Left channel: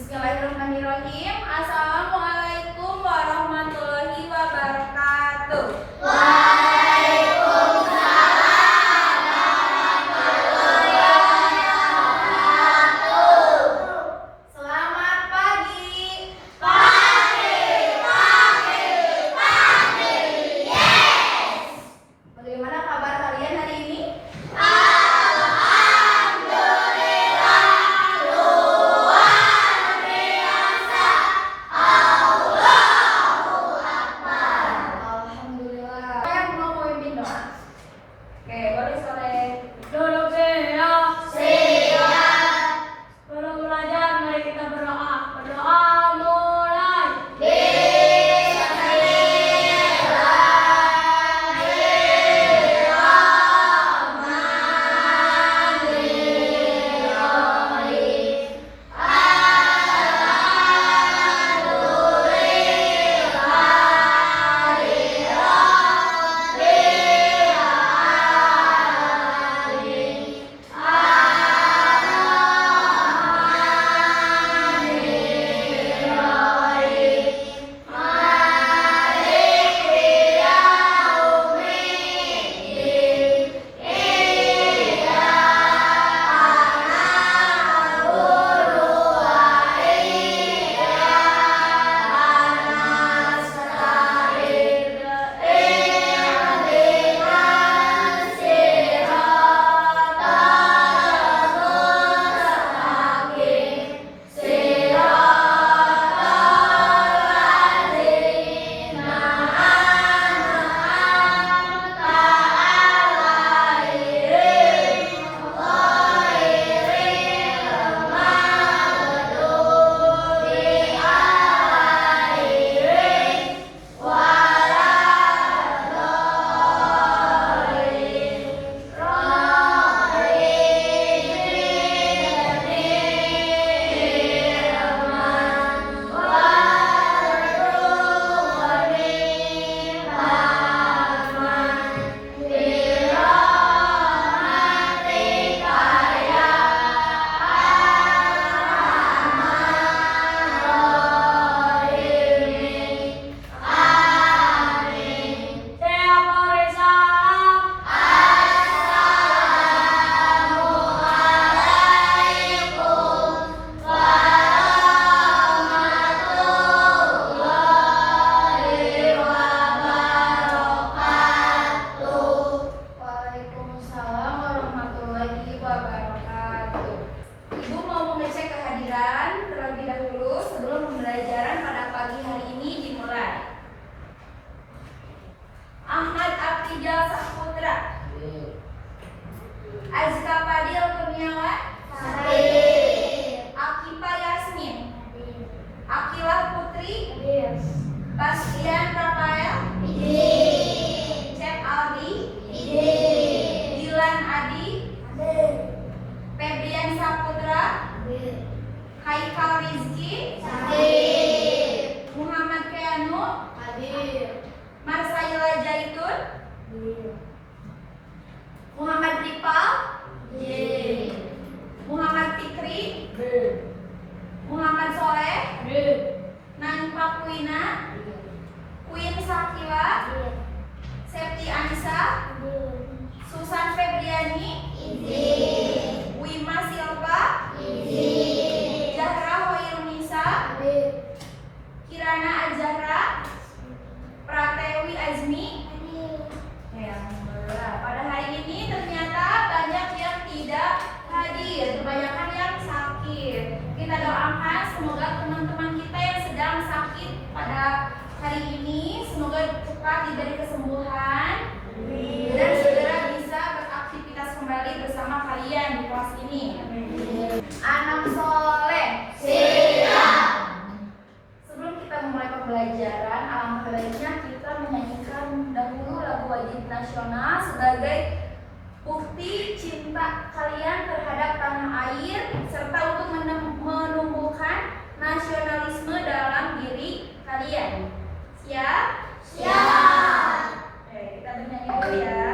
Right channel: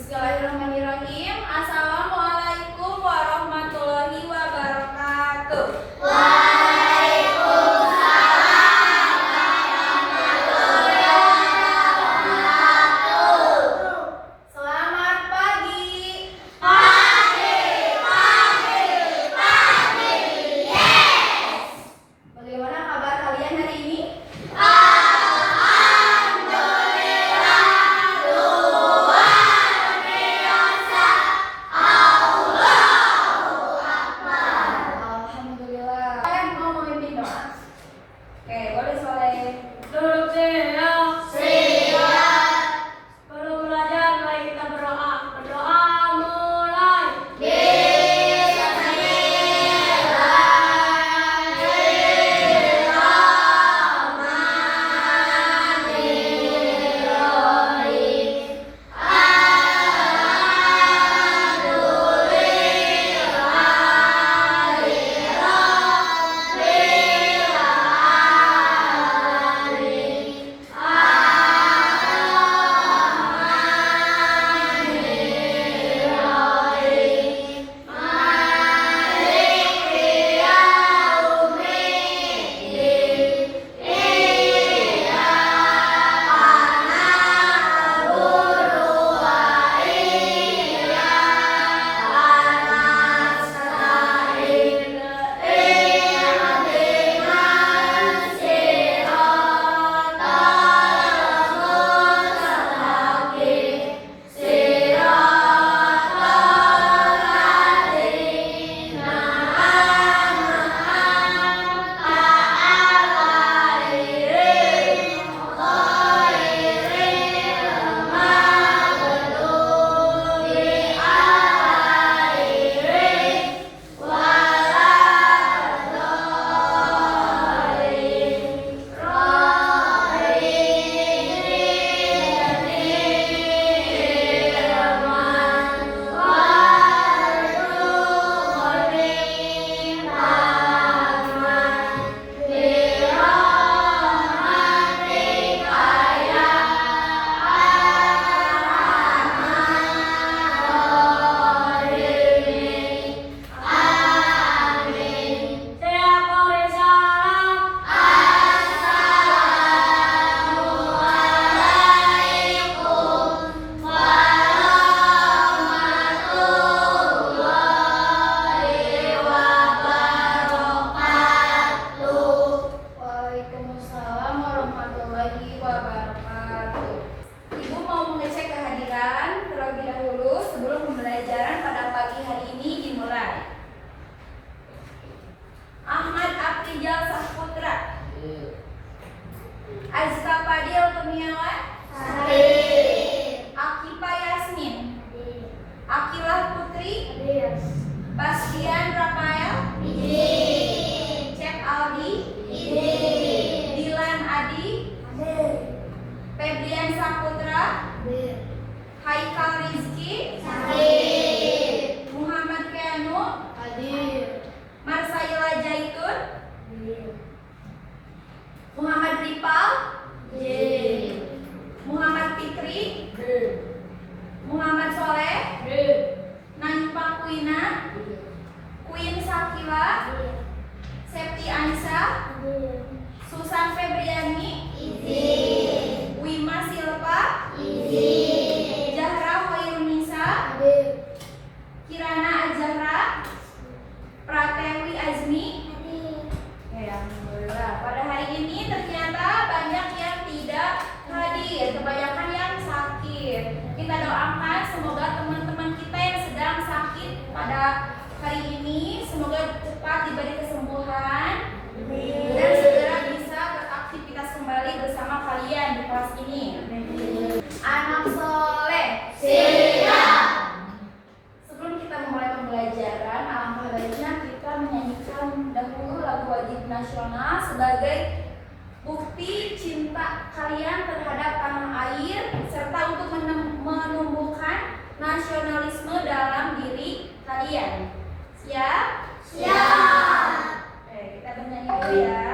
Bismillahirrahmanirrahim. Assalamualaikum warahmatullahi wabarakatuh. Selamat pagi. Yes. Bagaimana kabar kalian hari ini? Alhamdulillah. Saya mau memimpin doa. Oke, boleh soleh. Duduk siap. Siap. Sebelum belajar, mari kita berdoa. Berdoa mulai. Waalaikumsalam warahmatullahi wabarakatuh. Ibu mau mengecek kehadiran terlebih dahulu sebelum pembelajaran pada pagi hari ini dimulai. Ahmad Afrijal Saputra, Azka Fadil Kurniawan, Akifa Yasmin, Akilah Putri, Bastian Rafael, Cep Aldi, Dilan Adi, Febrian Saputra, Haikal Rizki, Muhammad Keanu, Marsaila Jaitun, Muhammad Ripal, Muhammad Fikri, Muhammad Soleh, Najma Kuina, Queen Sakila, Septi Ansa, Susan Febriani, Wima Silva, Zahra Hoirunisa, Kirana Azahra, Pratewi Azmi. Ya, alhamdulillah. Pada hari ini ternyata banyak yang tidak hadir, kebanyakan yang sakit. Kita doakan semoga teman-teman kita yang sedang sakit pada hari ini semoga cepat diberi kesembuhan dan segera bisa beraktivitas kembali bersama kalian di kelas ini. Anak soleh. Sebelum kita memulai pembelajaran, alangkah baiknya kita menyanyikan dahulu lagu wajib nasional sebagai bukti cinta kalian terhadap tanah air serta untuk menumbuhkan nasionalisme dalam diri kalian. Siap? Oke, kita bernyanyi dulu ya.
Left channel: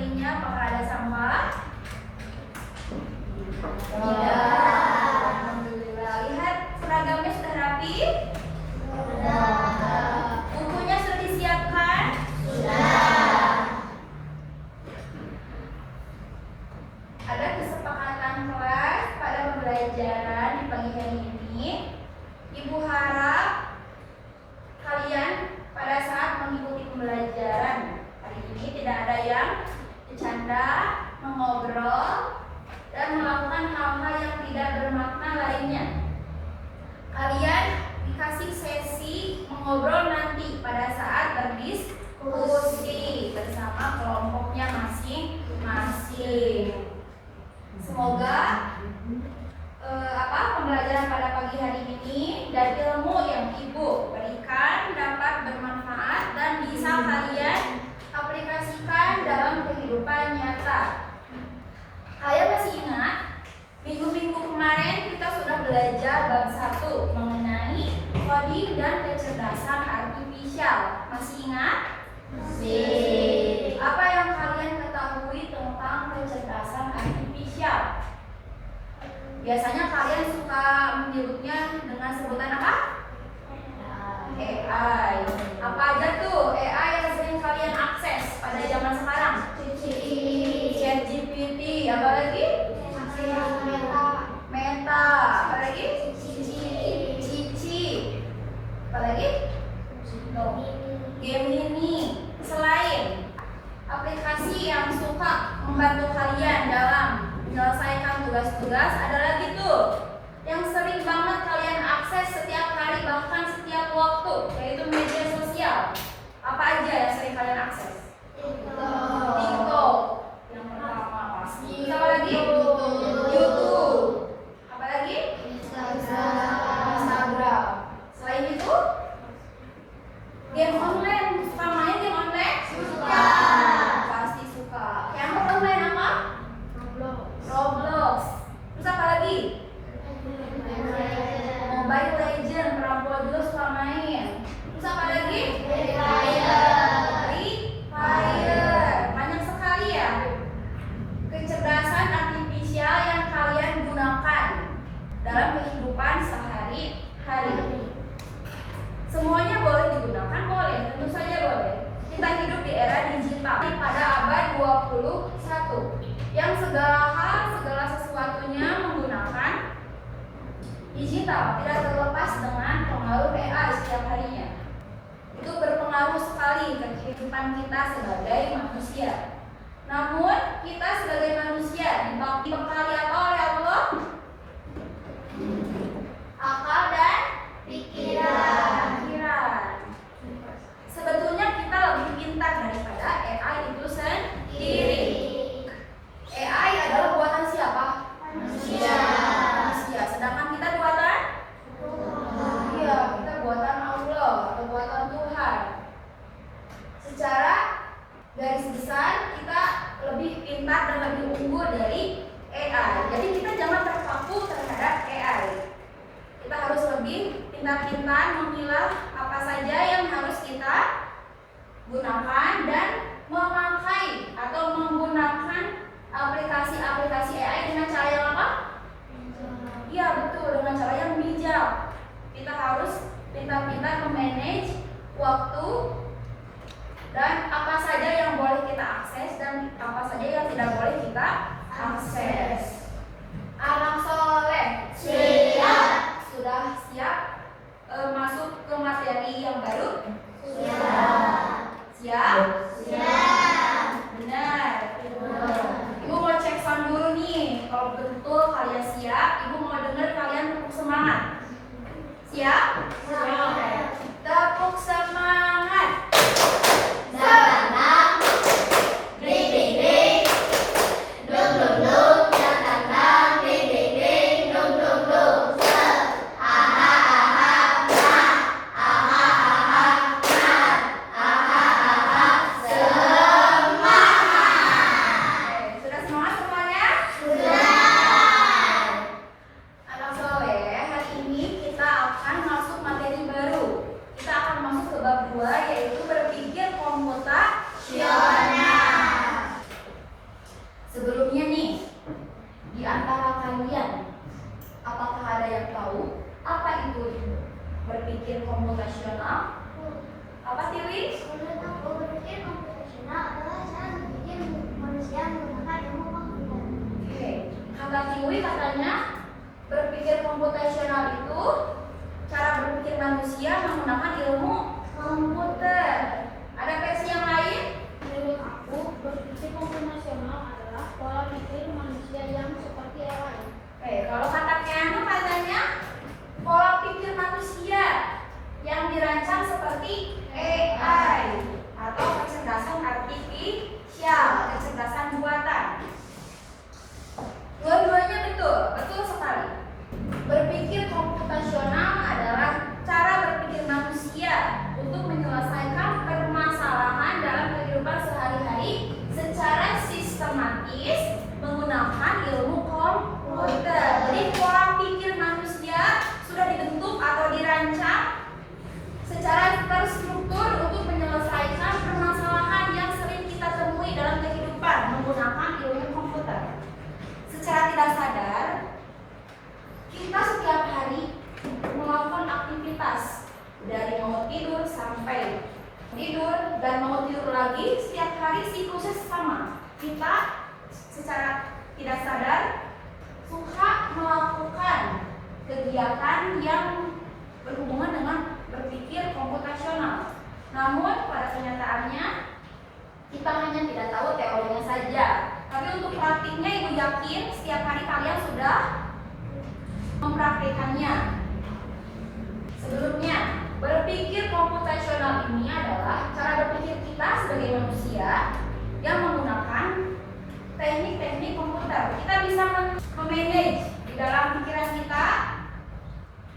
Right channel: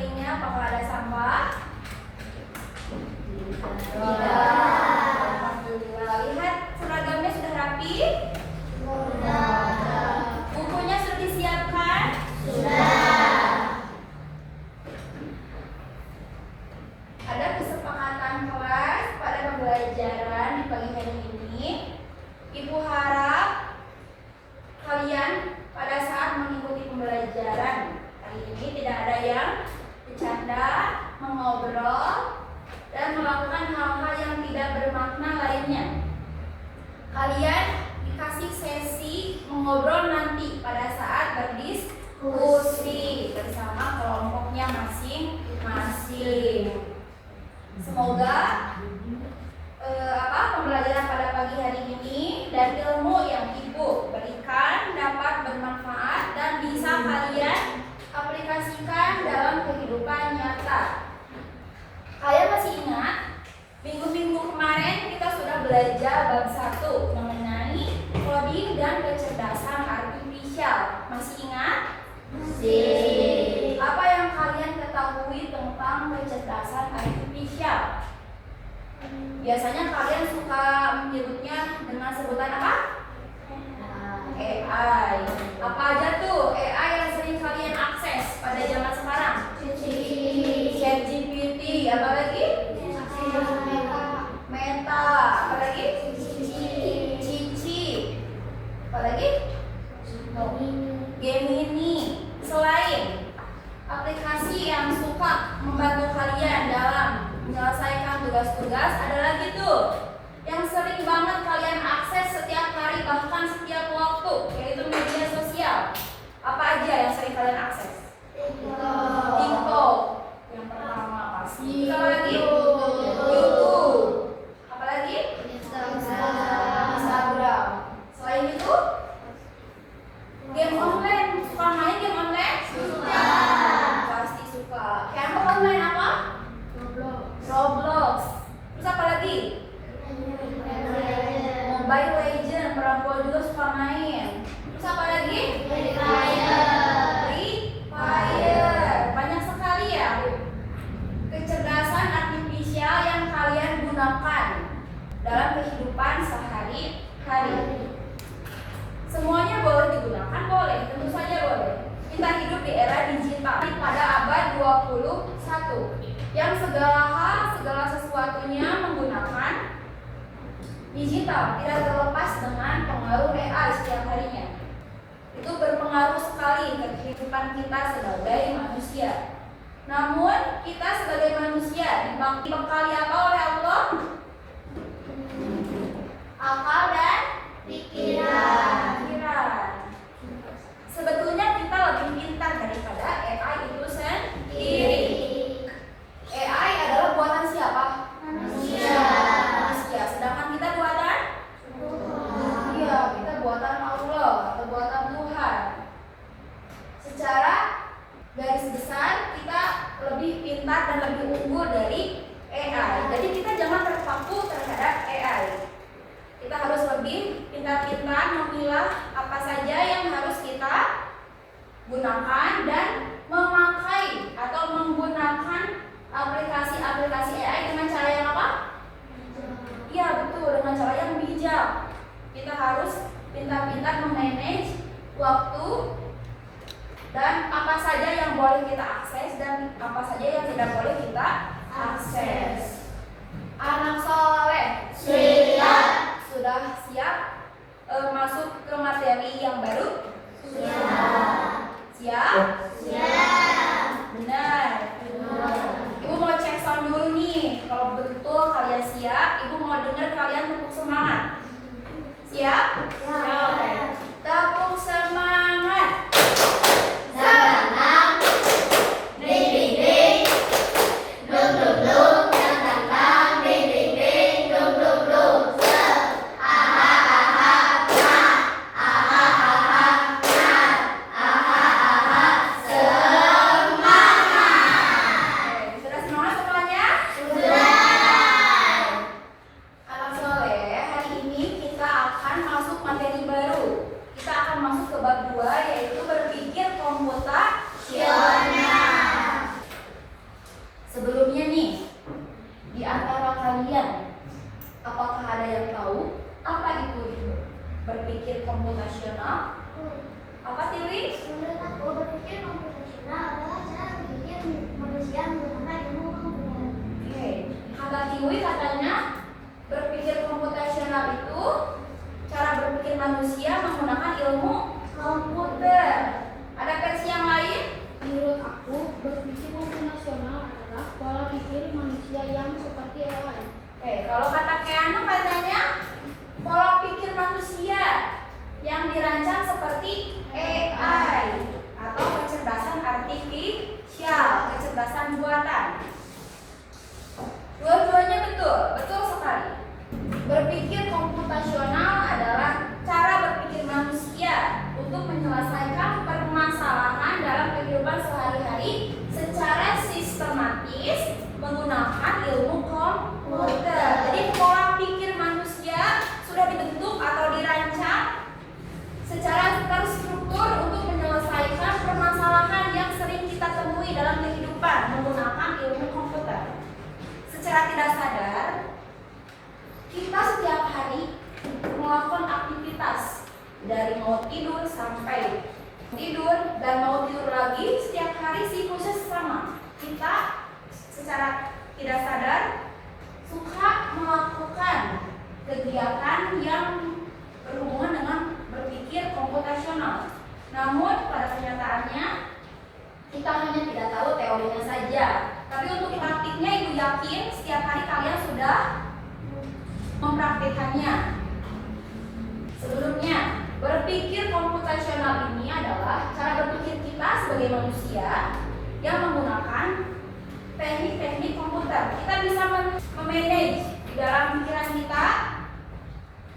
sekelilingnya apakah ada sampah? Alhamdulillah. Lihat seragamnya sudah rapi? Bukunya sudah disiapkan? Ada kesepakatan kelas pada pembelajaran di pagi hari ini. Ibu harap kalian pada saat mengikuti pembelajaran hari ini tidak ada yang bercanda, mengobrol, dan melakukan hal-hal yang tidak bermakna lainnya. Kalian dikasih sesi mengobrol nanti pada saat berdiskusi bersama kelompoknya masing-masing. Semoga pembelajaran pada pagi hari ini dan ilmu yang Ibu berikan dapat bermanfaat dan bisa kalian aplikasikan dalam kehidupan nyata. Kalian masih ingat minggu-minggu kemarin kita sudah belajar bab 1 mengenai coding dan kecerdasan artifisial. Masih ingat? Masih. Apa yang kalian ketahui tentang kecerdasan artifisial? Biasanya kalian suka menyebutnya dengan sebutan apa? AI. Apa aja tuh AI yang sering kalian akses pada zaman sekarang? ChatGPT. Apa lagi? Meta. Apa lagi? Cici. Apa lagi? Gemini. Selain aplikasi yang suka membantu kalian dalam menyelesaikan tugas-tugas, ada lagi tuh yang sering banget kalian akses setiap hari bahkan setiap waktu, yaitu media sosial. Apa aja yang sering kalian akses? TikTok yang pertama pasti. Apa lagi? YouTube. Apa lagi? Instagram. Selain itu, game online. Suka main game online? Suka. Pasti suka. Yang kamu main apa? Roblox. Terus apa lagi? Mobile Legend. Perempuan juga suka main. Terus apa lagi? Free Fire. Banyak sekali ya kecerdasan artifisial yang kalian gunakan dalam kehidupan sehari-hari. Semuanya boleh digunakan? Boleh, tentu saja boleh. Kita hidup di era digital pada abad 21 yang segala hal, segala sesuatunya menggunakan digital, tidak terlepas dengan pengaruh AI setiap harinya. Itu berpengaruh sekali ke kehidupan kita sebagai manusia. Namun kita sebagai manusia dibekali apa oleh Allah? Akal dan pikiran. Sebetulnya kita lebih pintar daripada AI itu sendiri. AI adalah buatan siapa? Manusia. Sedangkan kita buatan? Iya, kita buatan Allah atau buatan Tuhan. Secara garis besar kita lebih pintar dan lebih unggul dari AI. Jadi kita jangan terpaku terhadap AI. Kita harus lebih pintar-pintar memilah apa saja yang harus kita gunakan dan memakai atau menggunakan aplikasi-aplikasi AI dengan cara yang apa? Iya betul, dengan cara yang bijak. Kita harus pintar-pintar memanage waktu dan apa saja yang boleh kita akses dan apa saja yang tidak boleh kita akses. Anak soleh siap. Sudah siap masuk ke materi yang baru? Siap? Benar. Ibu mau cek sound dulu nih. Kalau betul kalian siap, Ibu mau dengar kalian tepuk semangat. Siap? Tepuk semangat. Semangat. Ding ding ding. Dum dum dum. Tang tang tang. Ding ding ding. Dum dum dum. Sudah semangat semuanya? Sudah. Anak soleh, hari ini kita akan masuk ditemui katanya berpikir komputasional itu cara berpikir manusia menggunakan ilmu komputer. Ada versi yang lain? Menurut aku, berpikir komputasional adalah pola pikir manusia yang seperti AI. Oke, kalau kata Keanu katanya pola pikir manusia yang dirancang seperti AI atau kecerdasan artifisial, kecerdasan buatan. Dua-duanya betul, betul sekali. Berpikir komputasional adalah cara berpikir manusia untuk menyelesaikan permasalahan dalam kehidupan sehari-hari secara sistematis menggunakan ilmu komputer. Jadi pola pikir manusia sudah dibentuk atau dirancang secara terstruktur untuk menyelesaikan permasalahan yang sering kita temui dalam kehidupan menggunakan ilmu komputer. Secara tidak sadar, kita setiap hari melakukan aktivitas dari mau tidur sampai tidur dan mau tidur lagi, setiap hari siklusnya sama. Kita secara tidak sadar suka melakukan kegiatan yang berhubungan dengan berpikir komputasional. Namun pada kenyataannya kita hanya tidak tahu teorinya saja. Tapi untuk praktiknya Ibu yakin setiap hari kalian sudah mempraktikkannya. Sebelumnya, berpikir komputasional ini adalah cara berpikir kita sebagai manusia yang menggunakan teknik-teknik komputer. Kita bisa memanage di dalam pikiran kita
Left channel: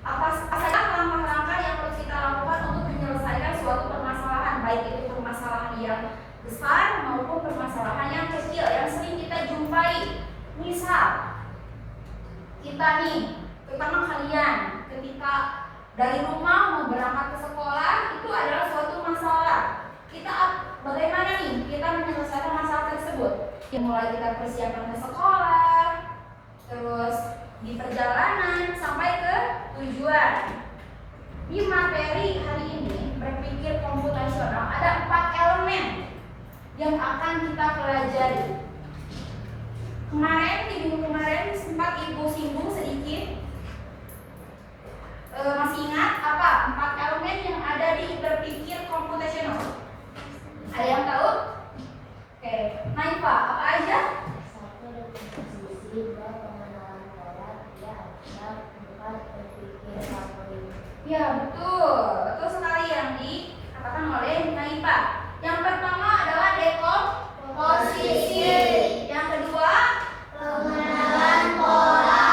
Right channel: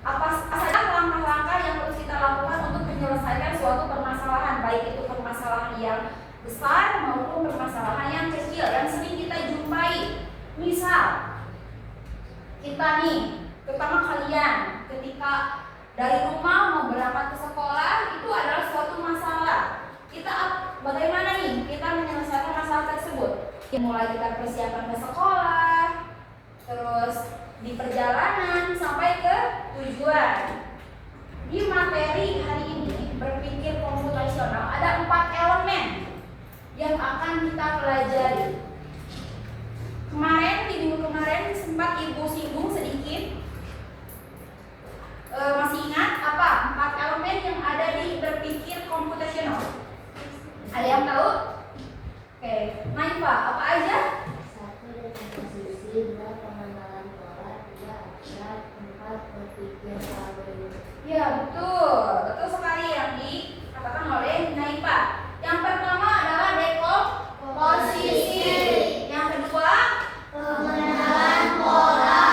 apa saja langkah-langkah yang harus kita lakukan untuk menyelesaikan suatu permasalahan, baik itu permasalahan yang besar maupun permasalahan yang kecil yang sering kita jumpai. Misal, kita nih, terutama kalian, ketika dari rumah mau berangkat ke sekolah itu adalah suatu masalah. Kita bagaimana nih kita menyelesaikan masalah tersebut? Mulai kita persiapan ke sekolah, terus di perjalanan sampai ke tujuan. Di materi hari ini berpikir komputasional ada 4 elemen yang akan kita pelajari. Kemarin di minggu kemarin sempat Ibu singgung sedikit. Masih ingat apa 4 elemen yang ada di berpikir komputasional? Ada yang tahu? Oke, Naifa, apa aja? 1. Definisi, 2. Pengenalan pola, 3. Aturan, 4. Berpikir algoritma. Ya betul, betul sekali yang dikatakan oleh Naifa. Yang pertama adalah dekomposisi. Yang kedua, Pengenalan pola.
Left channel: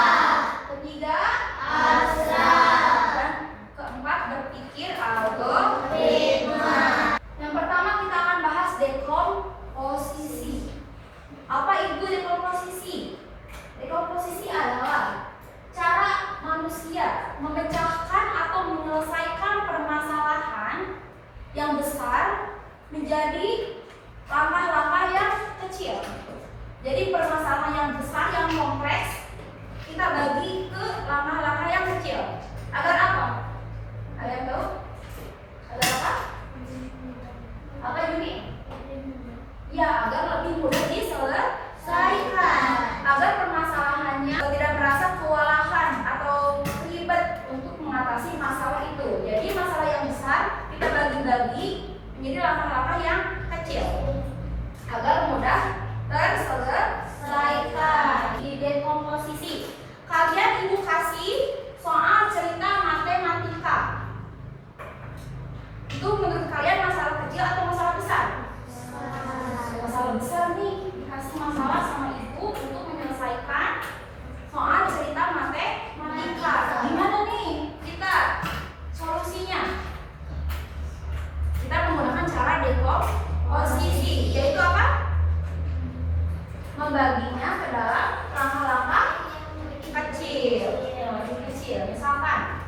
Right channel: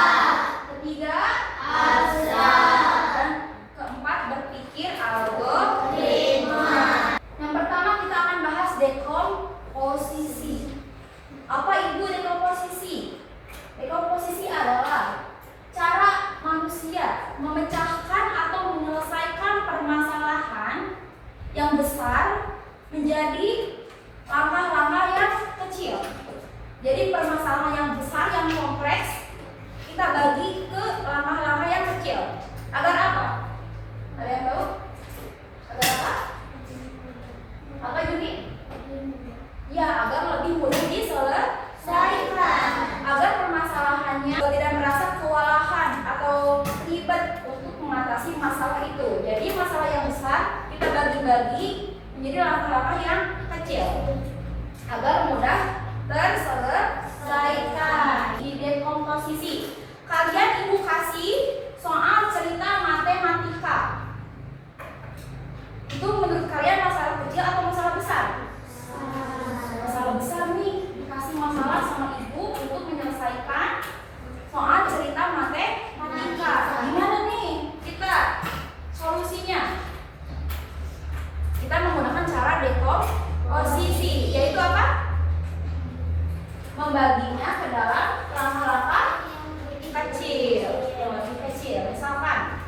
ketiga, Aturan. dan keempat berpikir algoritma. Yang pertama kita akan bahas dekomposisi. Apa itu dekomposisi? Dekomposisi adalah cara manusia memecahkan atau menyelesaikan permasalahan yang besar menjadi langkah-langkah yang kecil. Jadi permasalahan yang besar yang kompleks kita bagi ke langkah-langkah yang kecil. Agar apa? Ada yang tahu? Agar apa? Apa Juni? Ya, agar lebih mudah diselesaikan. Agar permasalahannya tidak merasa kewalahan atau ribet untuk mengatasi masalah itu. Jadi masalah yang besar kita bagi-bagi menjadi langkah-langkah yang kecil agar mudah terselesaikan. Di dekomposisi, kalian Ibu kasih soal cerita matematika. Itu menurut kalian masalah kecil atau masalah besar? Masalah besar nih, dikasih masalah sama Ibu untuk menyelesaikan soal cerita matematika. Gimana nih kita solusinya? Kita menggunakan cara dekomposisi, yaitu apa? Membaginya ke dalam langkah-langkah kecil. Lebih kecil. Misalkan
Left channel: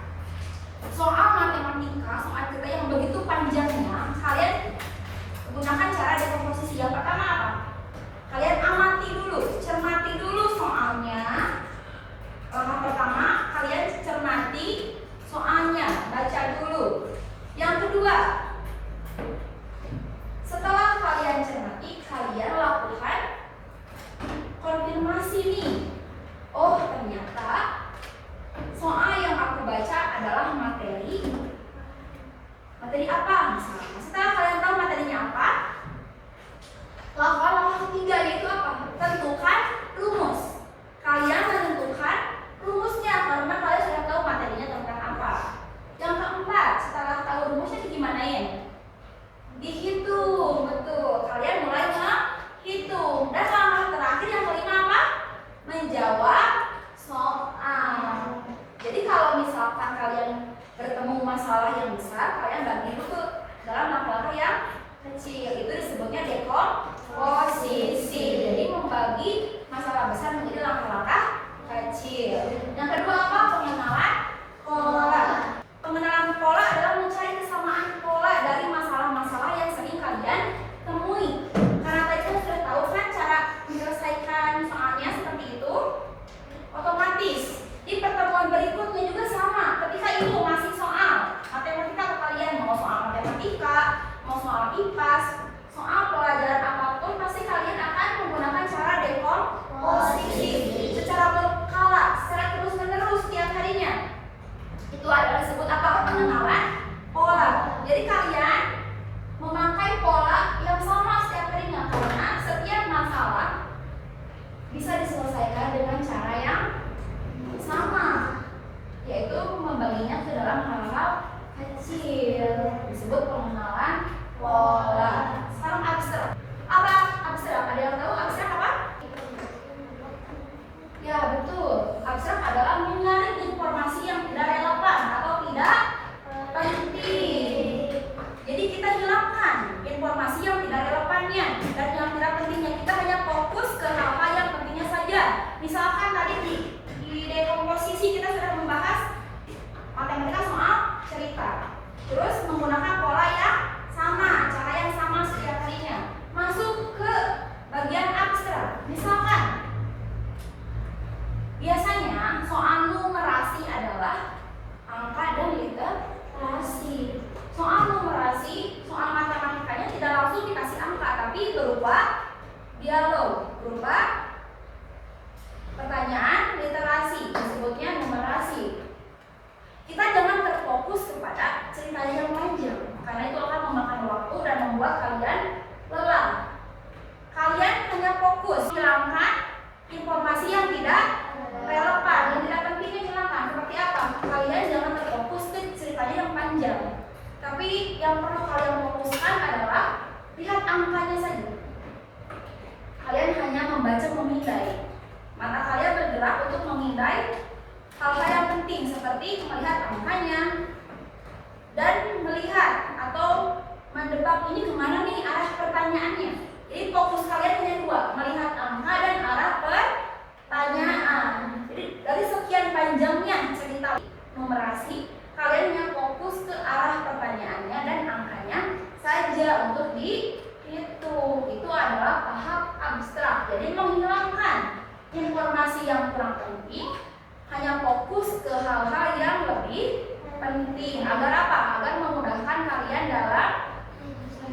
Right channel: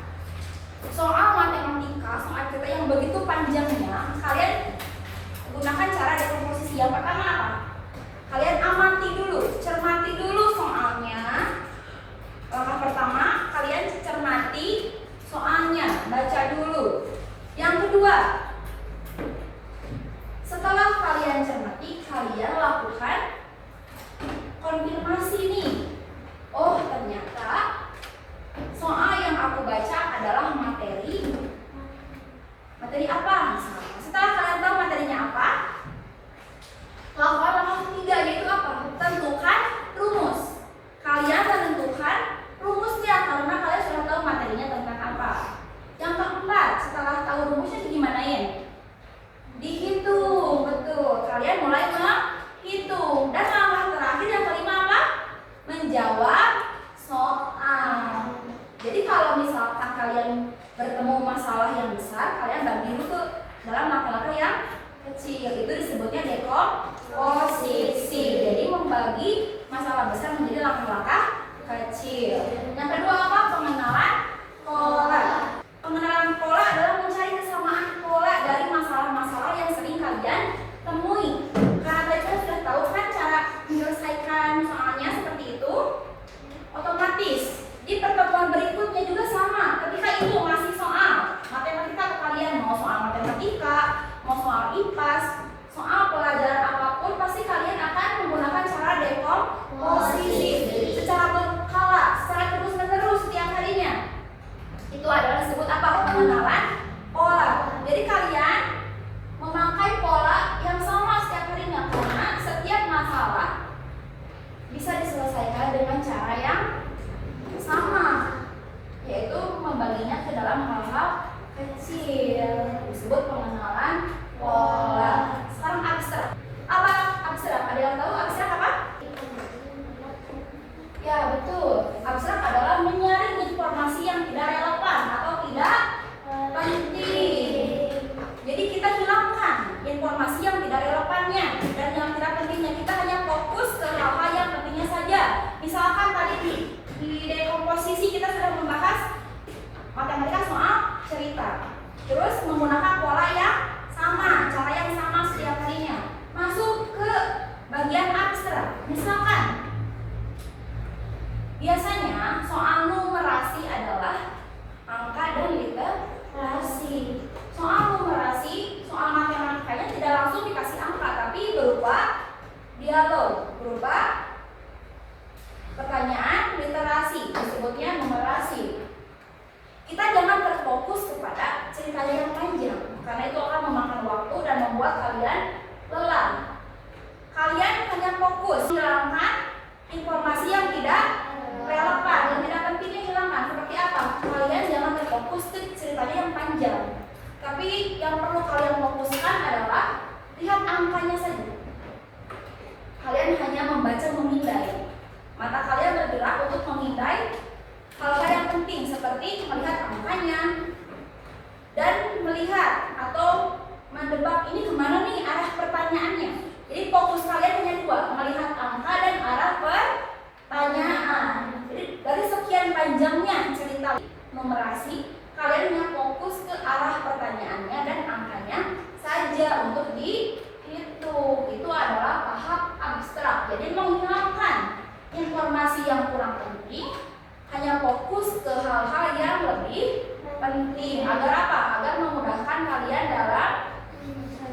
soal matematika, soal cerita yang begitu panjangnya, kalian gunakan cara dekomposisi. Yang pertama apa? Kalian amati dulu, cermati dulu soalnya. Langkah pertama, kalian cermati soalnya, baca dulu. Yang kedua, setelah kalian cermati, kalian lakukan konfirmasi nih. Oh, masalah yang besar, kalian bagi dulu dalam langkah-langkah yang kecil. Itu disebutnya dekomposisi. Jadi membagi masalah besar menjadi langkah-langkah kecil. Yang kedua apa? Pengenalan pola. Pengenalan pola adalah mencari kesamaan pola dari masalah-masalah yang sering kalian temui. Karena tadi kita sudah tahu kan cara menyelesaikan soalnya seperti itu, otomatis di pertemuan berikutnya juga sama. Ketika itu masih soal matematika ke kalian, mau soal matematika, mau soal IPAS, soal pelajaran apapun, pasti kalian akan menggunakan cara dekomposisi secara berkala, secara terus-menerus setiap harinya. Itu adalah disebut apa? Pengenalan pola. Jadi kalian memakai pola yang sama setiap harinya, karena setiap masalah bisa diselesaikan dengan cara yang sama, yaitu membaginya ke dalam hal-hal kecil, disebut pengenalan pola. Sekarang abstrak. Apa abstrak? Ada yang tahu abstrak apa? Ya betul, abstrak adalah menyaring informasi yang tidak relevan atau tidak penting. Jadi kita hilangkan informasi yang tidak relevannya dan yang tidak pentingnya. Kita hanya fokus ke hal-hal yang pentingnya saja. Misalkan tadi di dekomposisi kita sudah membahas matematika soal cerita, terus menggunakan pola yang sama, cara yang sama setiap harinya. Masuk ke bagian abstrak. Misalkan biasanya soal numerasi adalah angka dan literasi. Soal numerasi, soal matematikanya tidak langsung dikasih angka, tapi berupa dialog, berupa pertanyaan literasi, disebutnya numerasi. Kita jangan terfokus kepada ceritanya yang panjang, karena itu akan memakan waktu dan membuat kalian lelah. Kalian hanya fokus hilangkan informasi yang tidak relevan, yang tidak pentingnya hilangkan. Seperti apa? Kalian jangan terfokus ke ceritanya yang panjang, tapi yang perlu kalian fokuskan adalah lihat angkanya saja. Kalian hanya membaca, memindai. Mata kalian bergerak untuk memindai hal-hal yang penting seperti melihat angkanya dan melihat atau mendebak ini kemana nih arah pertanyaannya. Jadi fokus kalian hanya dua, melihat angka dan arah pertanyaan. Jadi dari sekian panjangnya cerita numerasi, kalian hanya fokus ke arah pertanyaannya dan angkanya saja untuk dihitung. Itu adalah tahap abstrak. Jadi menghilangkan informasi yang kurang penting, hanya fokus ke hal-hal yang lebih penting. Agar apa? Agar memudahkan kalian dalam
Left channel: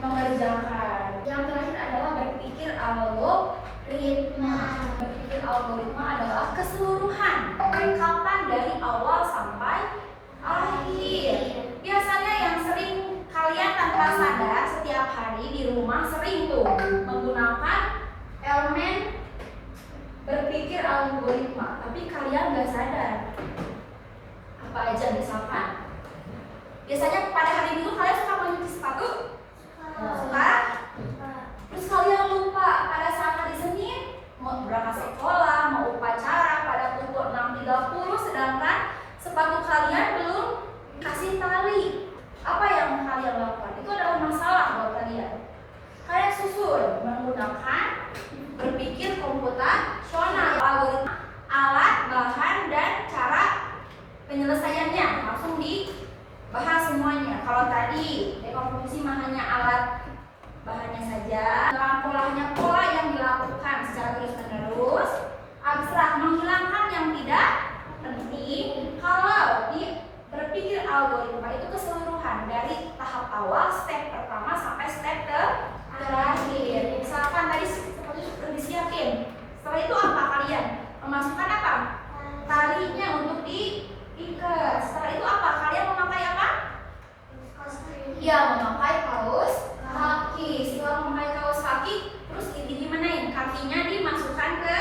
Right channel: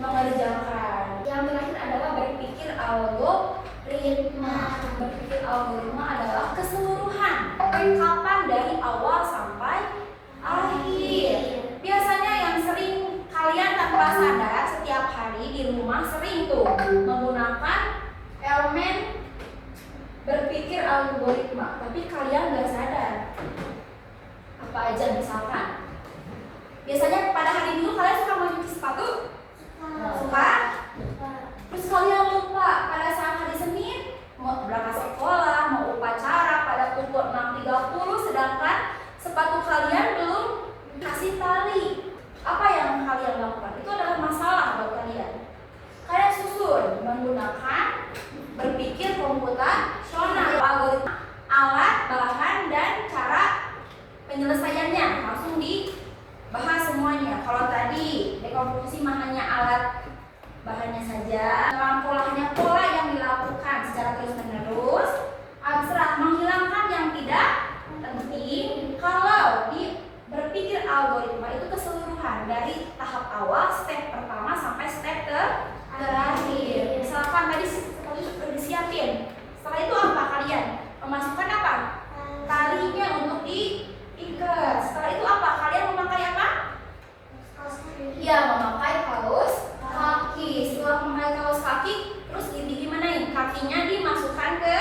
mengerjakan. Yang terakhir adalah berpikir algoritma. Berpikir algoritma adalah keseluruhan rangkapan dari awal sampai akhir. Biasanya yang sering kalian tanpa sadar setiap hari di rumah sering tuh menggunakan elemen berpikir algoritma, tapi kalian gak sadar. Apa aja misalkan? Biasanya pada hari Minggu kalian suka mencuci sepatu? Suka? Terus kalian lupa pada saat hari Senin mau berangkat sekolah, mau upacara pada pukul 6.30, sedangkan sepatu kalian belum kasih tali. Apa yang kalian lakukan? Itu adalah masalah buat kalian. Kalian susun menggunakan berpikir komputasional, algoritma, alat, bahan, dan cara penyelesaiannya. Langsung dibahas semuanya. Kalau tadi dekomposisi mah hanya alat bahannya saja, dalam polanya pola yang dilakukan secara terus-menerus. Abstrak menghilangkan yang tidak penting. Kalau di berpikir algoritma itu keseluruhan dari tahap awal, step pertama sampai step terakhir. Misalkan tadi seperti itu sudah disiapin. Setelah itu apa kalian? Memasukkan apa? Talinya untuk diikat. Setelah itu apa? Kalian memakai apa? Iya, memakai kaos kaki. Setelah memakai kaos kaki, terus gimanain? Kakinya dimasukkan ke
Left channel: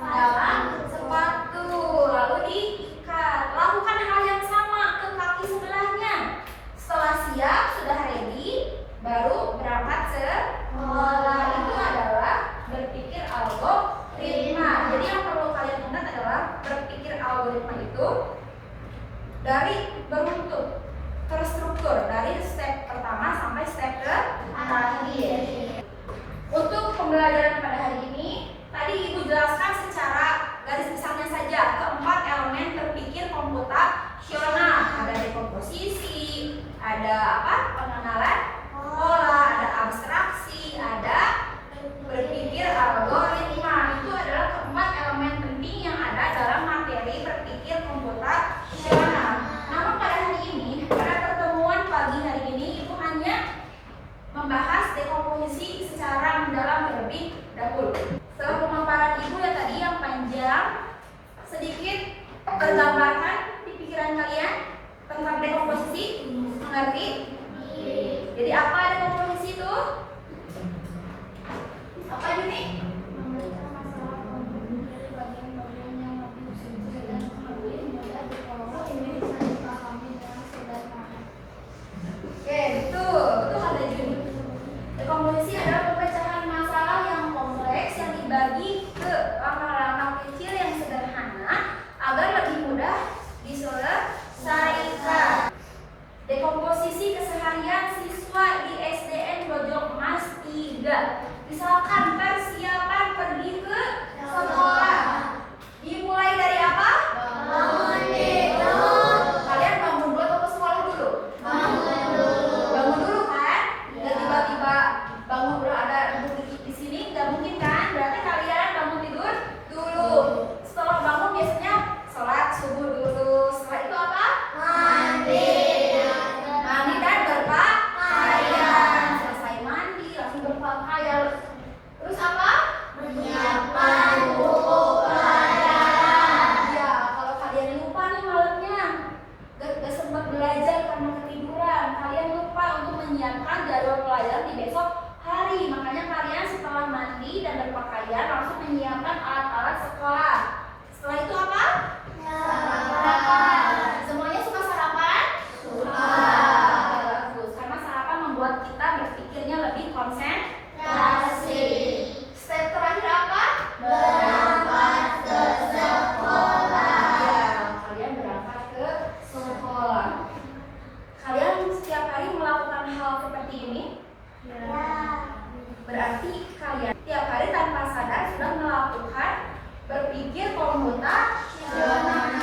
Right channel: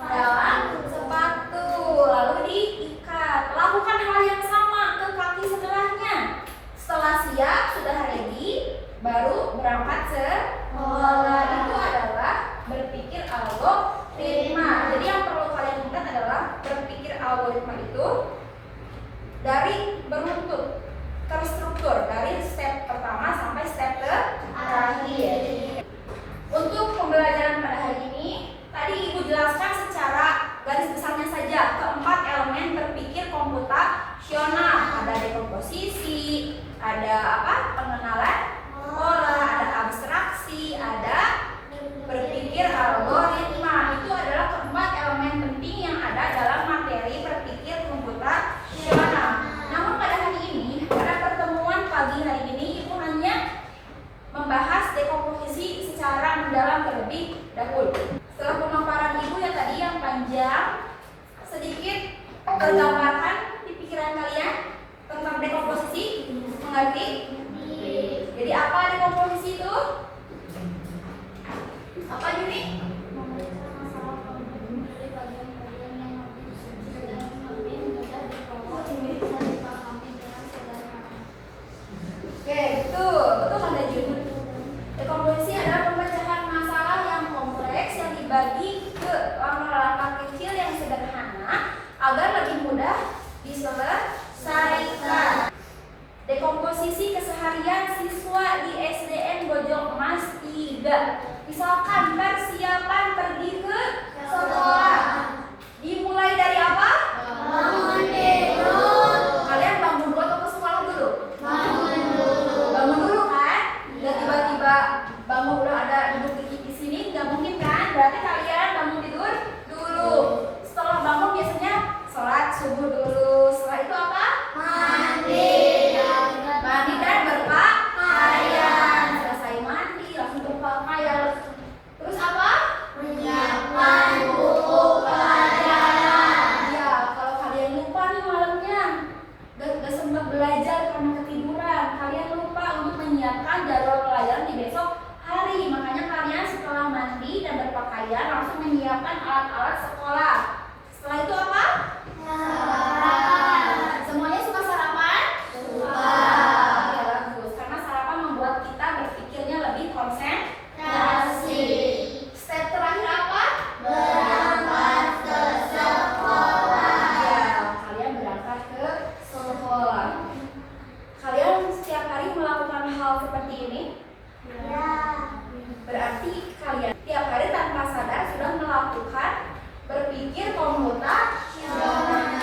dalam sepatu, lalu diikat. Lakukan hal yang sama ke kaki sebelahnya. Setelah siap, sudah ready, baru berangkat sekolah. Itu adalah berpikir algoritma. Jadi yang perlu kalian ingat adalah berpikir algoritma itu dari beruntut ke teratur dari step pertama sampai step terakhir. Untuk pembelajaran pada hari ini, tadi Ibu jelaskan secara garis besarnya saja keempat elemen berpikir komputasional. Ada dekomposisi, ada pengenalan pola, ada abstraksi, ada berpikir algoritma. Itu adalah keempat elemen penting yang ada dalam materi berpikir komputasional. Namun pada hari ini, pada pertemuan pagi hari ini, Ibu hanya membahas dekomposisi secara mendalam terlebih dahulu. Setelah pemaparan Ibu yang tadi yang panjang, sedikit tergambarkan di pikiran kalian tentang dekomposisi. Mengerti? Jadi apa dekomposisi itu? Apa ini? Memeriksa masalah problem dari bagian-bagian yang lebih sederhana dan lebih mudah dikelola, bisa dipahami dengan sederhana. Oke, betul kata Jun. Dekomposisi adalah pemecahan masalah yang kompleks yang dibagi ke langkah-langkah kecil yang sederhana agar lebih mudah diselesaikan. Dekomposisi keseharian siswa di SDN Bojong Mas 3. Misalkan persiapan pergi ke sekolah. Dimulai dari apa? Bangun tidur. Kalian bangun dulu atau ke sekolah dulu? Bangun dulu. Bangun dulu kan? Nggak tiba-tiba bangun udah ada duduk di sini, nggak mungkin kan? Berarti kalian bangun tidur dulu. Setelah bangun biasanya sholat subuh dulu. Setelah itu apa? Mandi. Mandi dan berpakaian. Selesai mandi langsung berpakaian. Terus apa? Menyiapkan buku pelajaran. Ya, kalau kalian lupa nih malamnya, gak sempat belajar karena ketiduran, kalian lupa untuk menyiapkan jadwal pelajaran di besok hari. Makanya kalian setelah mandi dan berpakaian langsung menyiapkan alat-alat sekolah. Setelah itu apa? Sarapan. Semuanya suka sarapan? Suka. Oke, bagus. Karena sarapan membuat kita berpikirnya lebih konsentrasi. Step terakhir apa? Berangkat ke sekolah. Ya, kalian berangkat ke sekolah. Kalian setiap hari melakukan hal seperti ini? Ya. Berarti kalian tiap hari tanpa sadar sudah melakukan berpikir komputasional.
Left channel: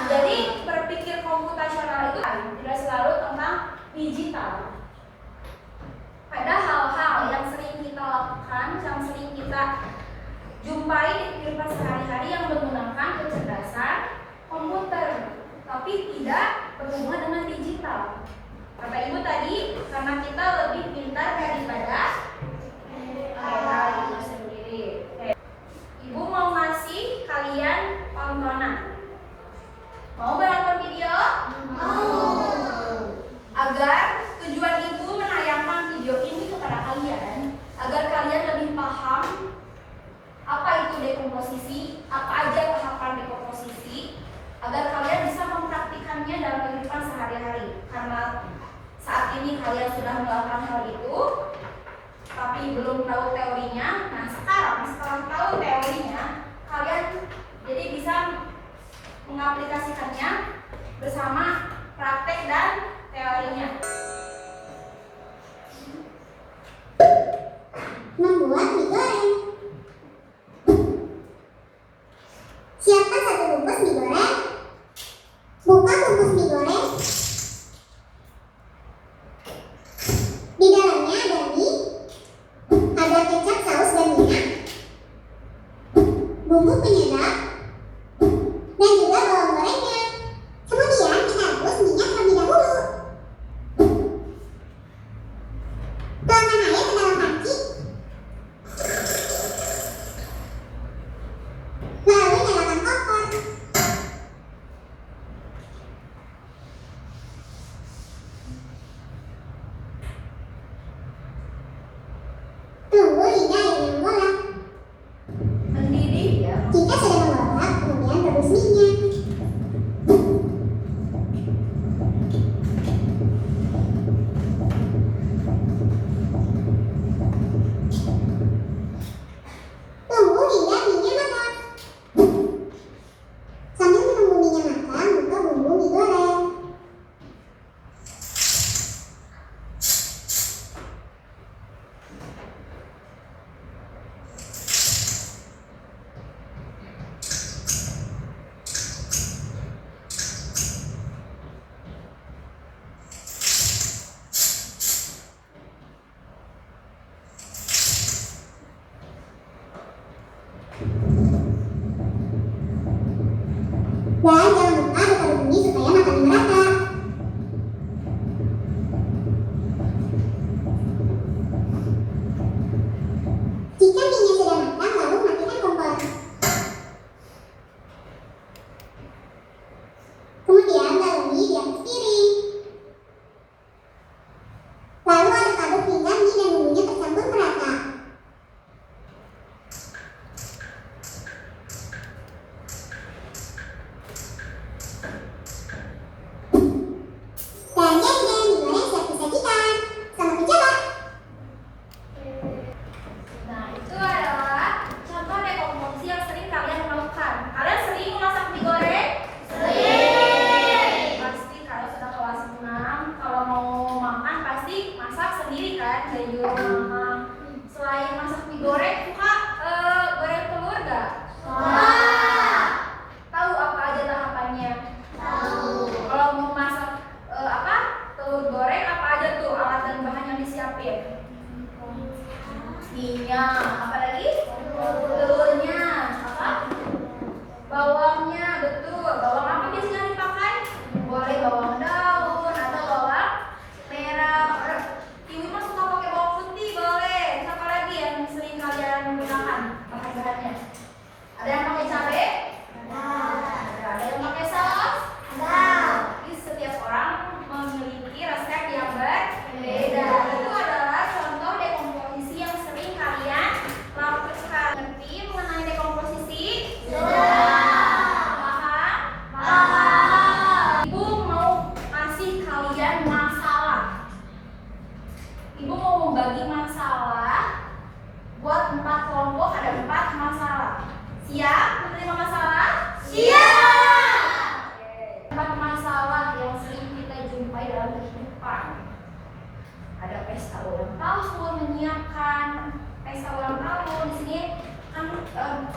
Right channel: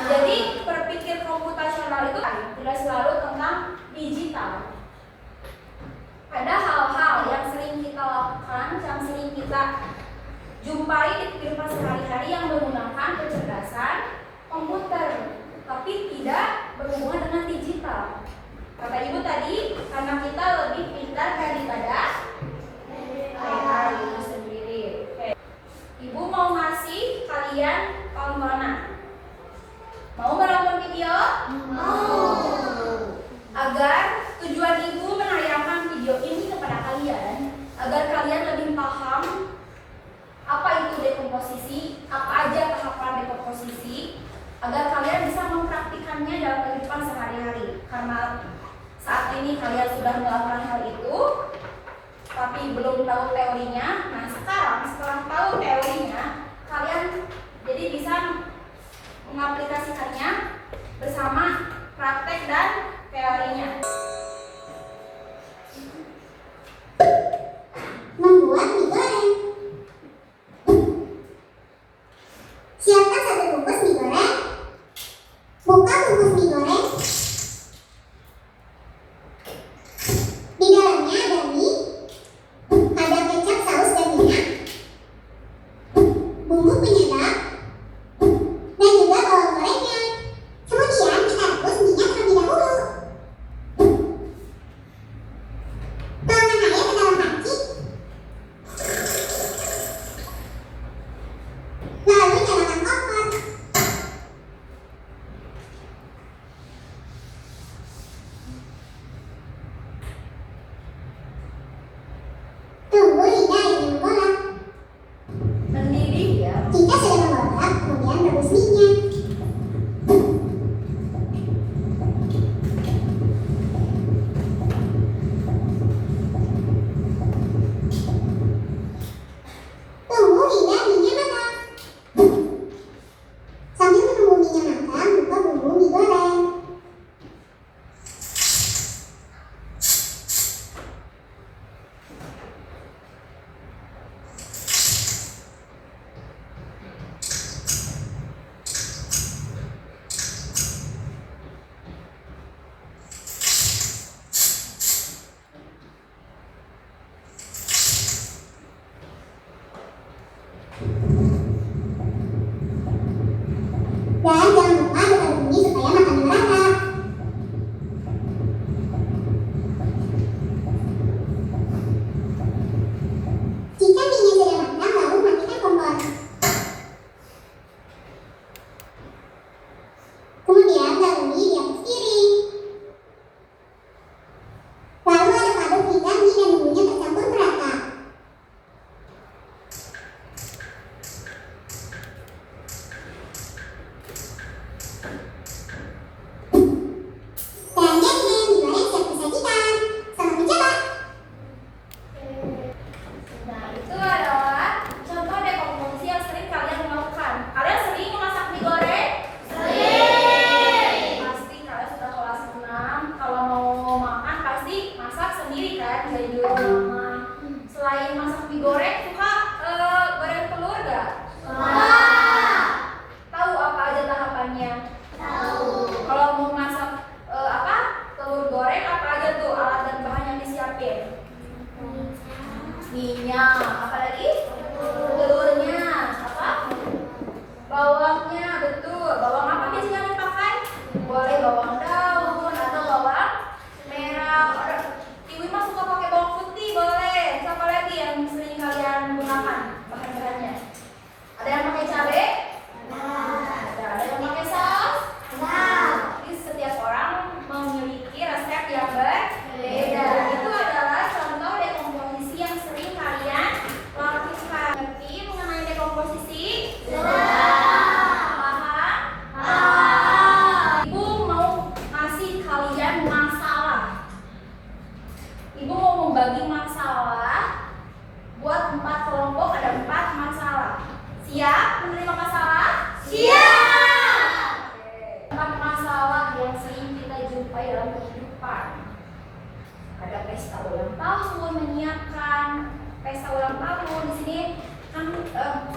Jadi berpikir komputasional itu tidak selalu tentang digital. Ada hal-hal yang sering kita lakukan, yang sering kita jumpai di kehidupan sehari-hari yang menggunakan kecerdasan komputer, tapi tidak berhubungan dengan digital. Kata Ibu tadi, karena kita lebih pintar daripada kita itu sendiri. Oke. Ibu mau ngasih kalian tontonan. Mau menonton video? Agar tujuan Ibu menayangkan video ini kepada kalian, agar kalian lebih paham apa itu dekomposisi, apa aja tahapan dekomposisi, agar kalian bisa mempraktikannya dalam kehidupan sehari-hari. Karena saat ini kalian sudah melakukan hal itu, tapi belum tahu teorinya. Nah, sekarang setelah tahu teorinya, kalian jadi bisa mengaplikasikannya bersama praktek dan teorinya. Membuat mie goreng. Siapkan 1 bungkus mie goreng. Buka bungkus mie goreng. Di dalamnya ada mie, ada kecap, saus, dan minyak, bumbu penyedap, dan juga bawang gorengnya. Kemudian kita rebus minyak terlebih dahulu. Tuangkan air ke dalam panci. Lalu nyalakan kompor. Tunggu hingga airnya mengolak. Mendidih ya. Jika sudah mengolak, kemudian rebus minyak. Tunggu hingga minyak matang. Sambil menunggu minyak matang, buka bumbu mie goreng.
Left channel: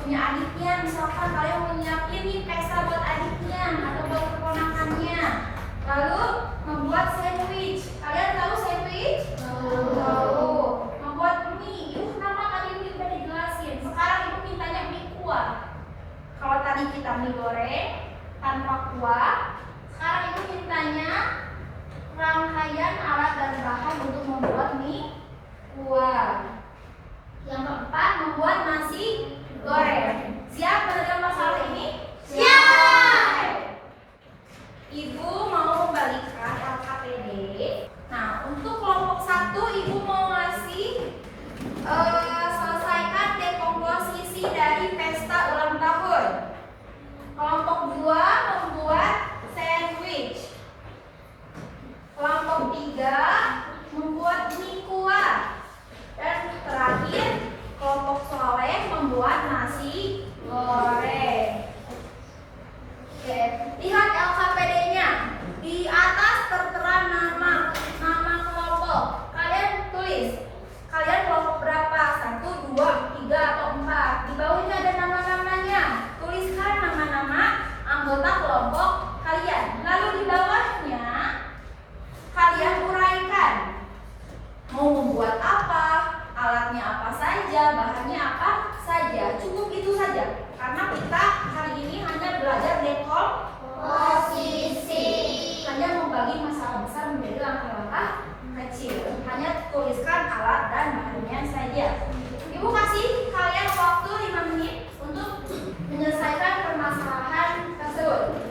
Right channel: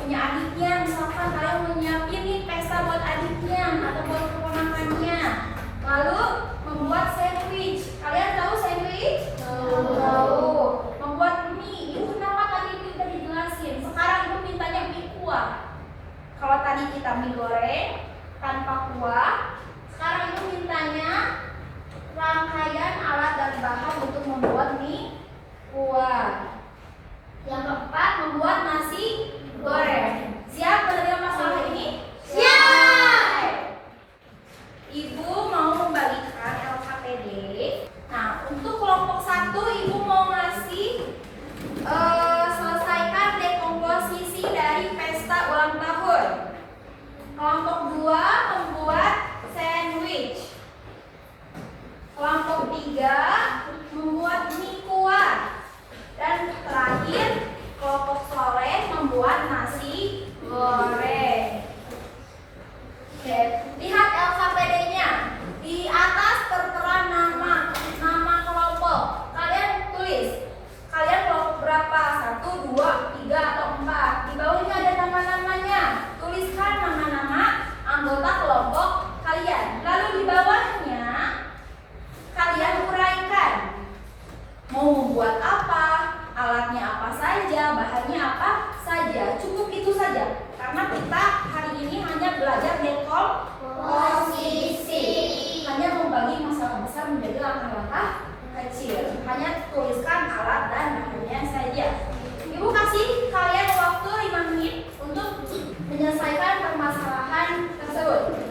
punya adiknya, misalkan kalian mau nyiapin nih pesta buat adiknya atau buat keponakannya. Lalu membuat sandwich. Kalian tahu sandwich? Tahu. Membuat mie. Ibu kenapa tadi mie udah dijelasin? Sekarang ibu mintanya mie kuah. Kalau tadi kita mie goreng tanpa kuah, sekarang ibu mintanya rangkaian alat dan bahan untuk membuat mie kuah. Yang keempat, membuat nasi goreng. Siap dengan masalah ini? Siap. Ibu mau membalikan LKPD. Nah, untuk kelompok 1 ibu mau ngasih selesaikan dekomposisi dari pesta ulang tahun. Kelompok 2 membuat sandwich. Kelompok 3 membuat mie kuah. Dan terakhir, kelompok soleh membuat nasi goreng. Oke, lihat LKPD-nya. Di atas tertera nama kelompok. Kalian tulis. Kalian kelompok berapa? 1, 2, 3, atau 4. Di bawahnya ada nama-namanya. Tuliskan nama-nama anggota kelompok kalian. Lalu di bawahnya kalian uraikan. Mau membuat apa? Alatnya apa saja? Bahannya apa saja? Cukup itu saja. Karena kita hari ini hanya belajar dekomposisi. Hanya membagi masalah besar menjadi langkah-langkah kecil. Hanya tuliskan alat dan bahannya saja. Ibu kasih kalian waktu 5 menit untuk menyelesaikan permasalahan tersebut.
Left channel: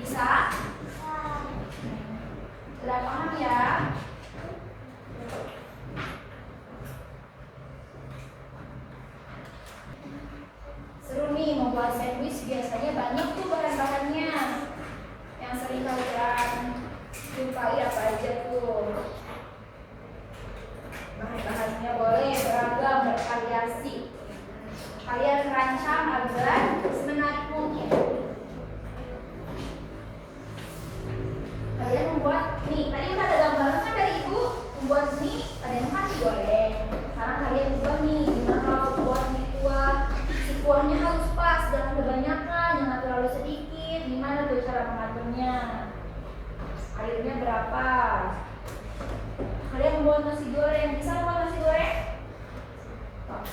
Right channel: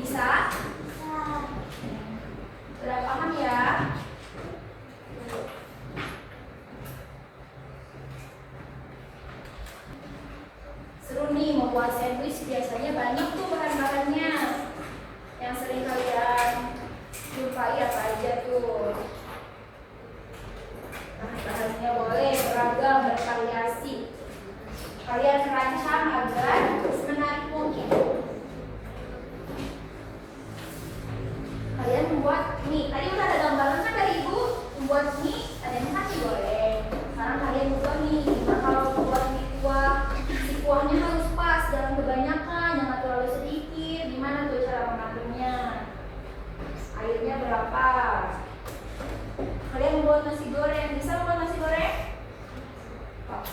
Bisa? Sudah paham ya? Seru nih membuat sandwich, biasanya banyak tuh bahan-bahannya. Yang sering kalian sukai apa aja tuh? Bahan-bahannya boleh beragam, bervariasi. Kalian rancang agar semenarik mungkin. Kalian membuat mie. Tadi udah ada gambaran kan dari ibu membuat mie. Ada yang kan digoreng. Sekarang kalian buat nih. Gimana kalau buat mie kuah? Si kuahnya harus pas, jangan kebanyakan, jangan terlalu sedikit. Gimana tuh cara mengaturnya? Airnya berapa? Kalian membuat nasi goreng. Bisa membuat nasi goreng?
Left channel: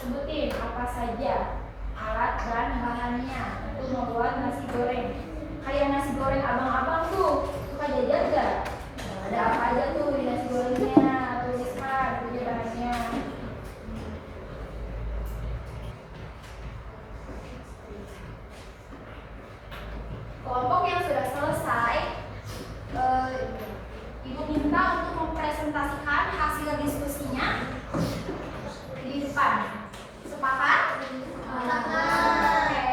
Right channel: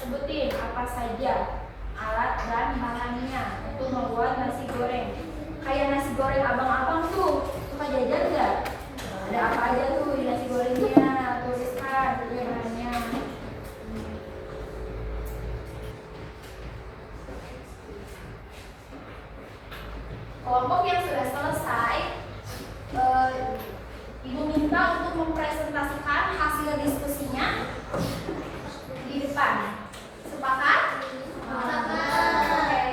Sebutin apa saja alat dan bahannya untuk membuat nasi goreng. Kayak nasi goreng abang-abang tuh suka jajan nggak? Ada apa aja tuh di nasi gorengnya? Tuliskan aja bahannya. Kelompok yang sudah selesai, ibu minta untuk mempresentasikan hasil diskusinya di depan. Sepakat? Oke.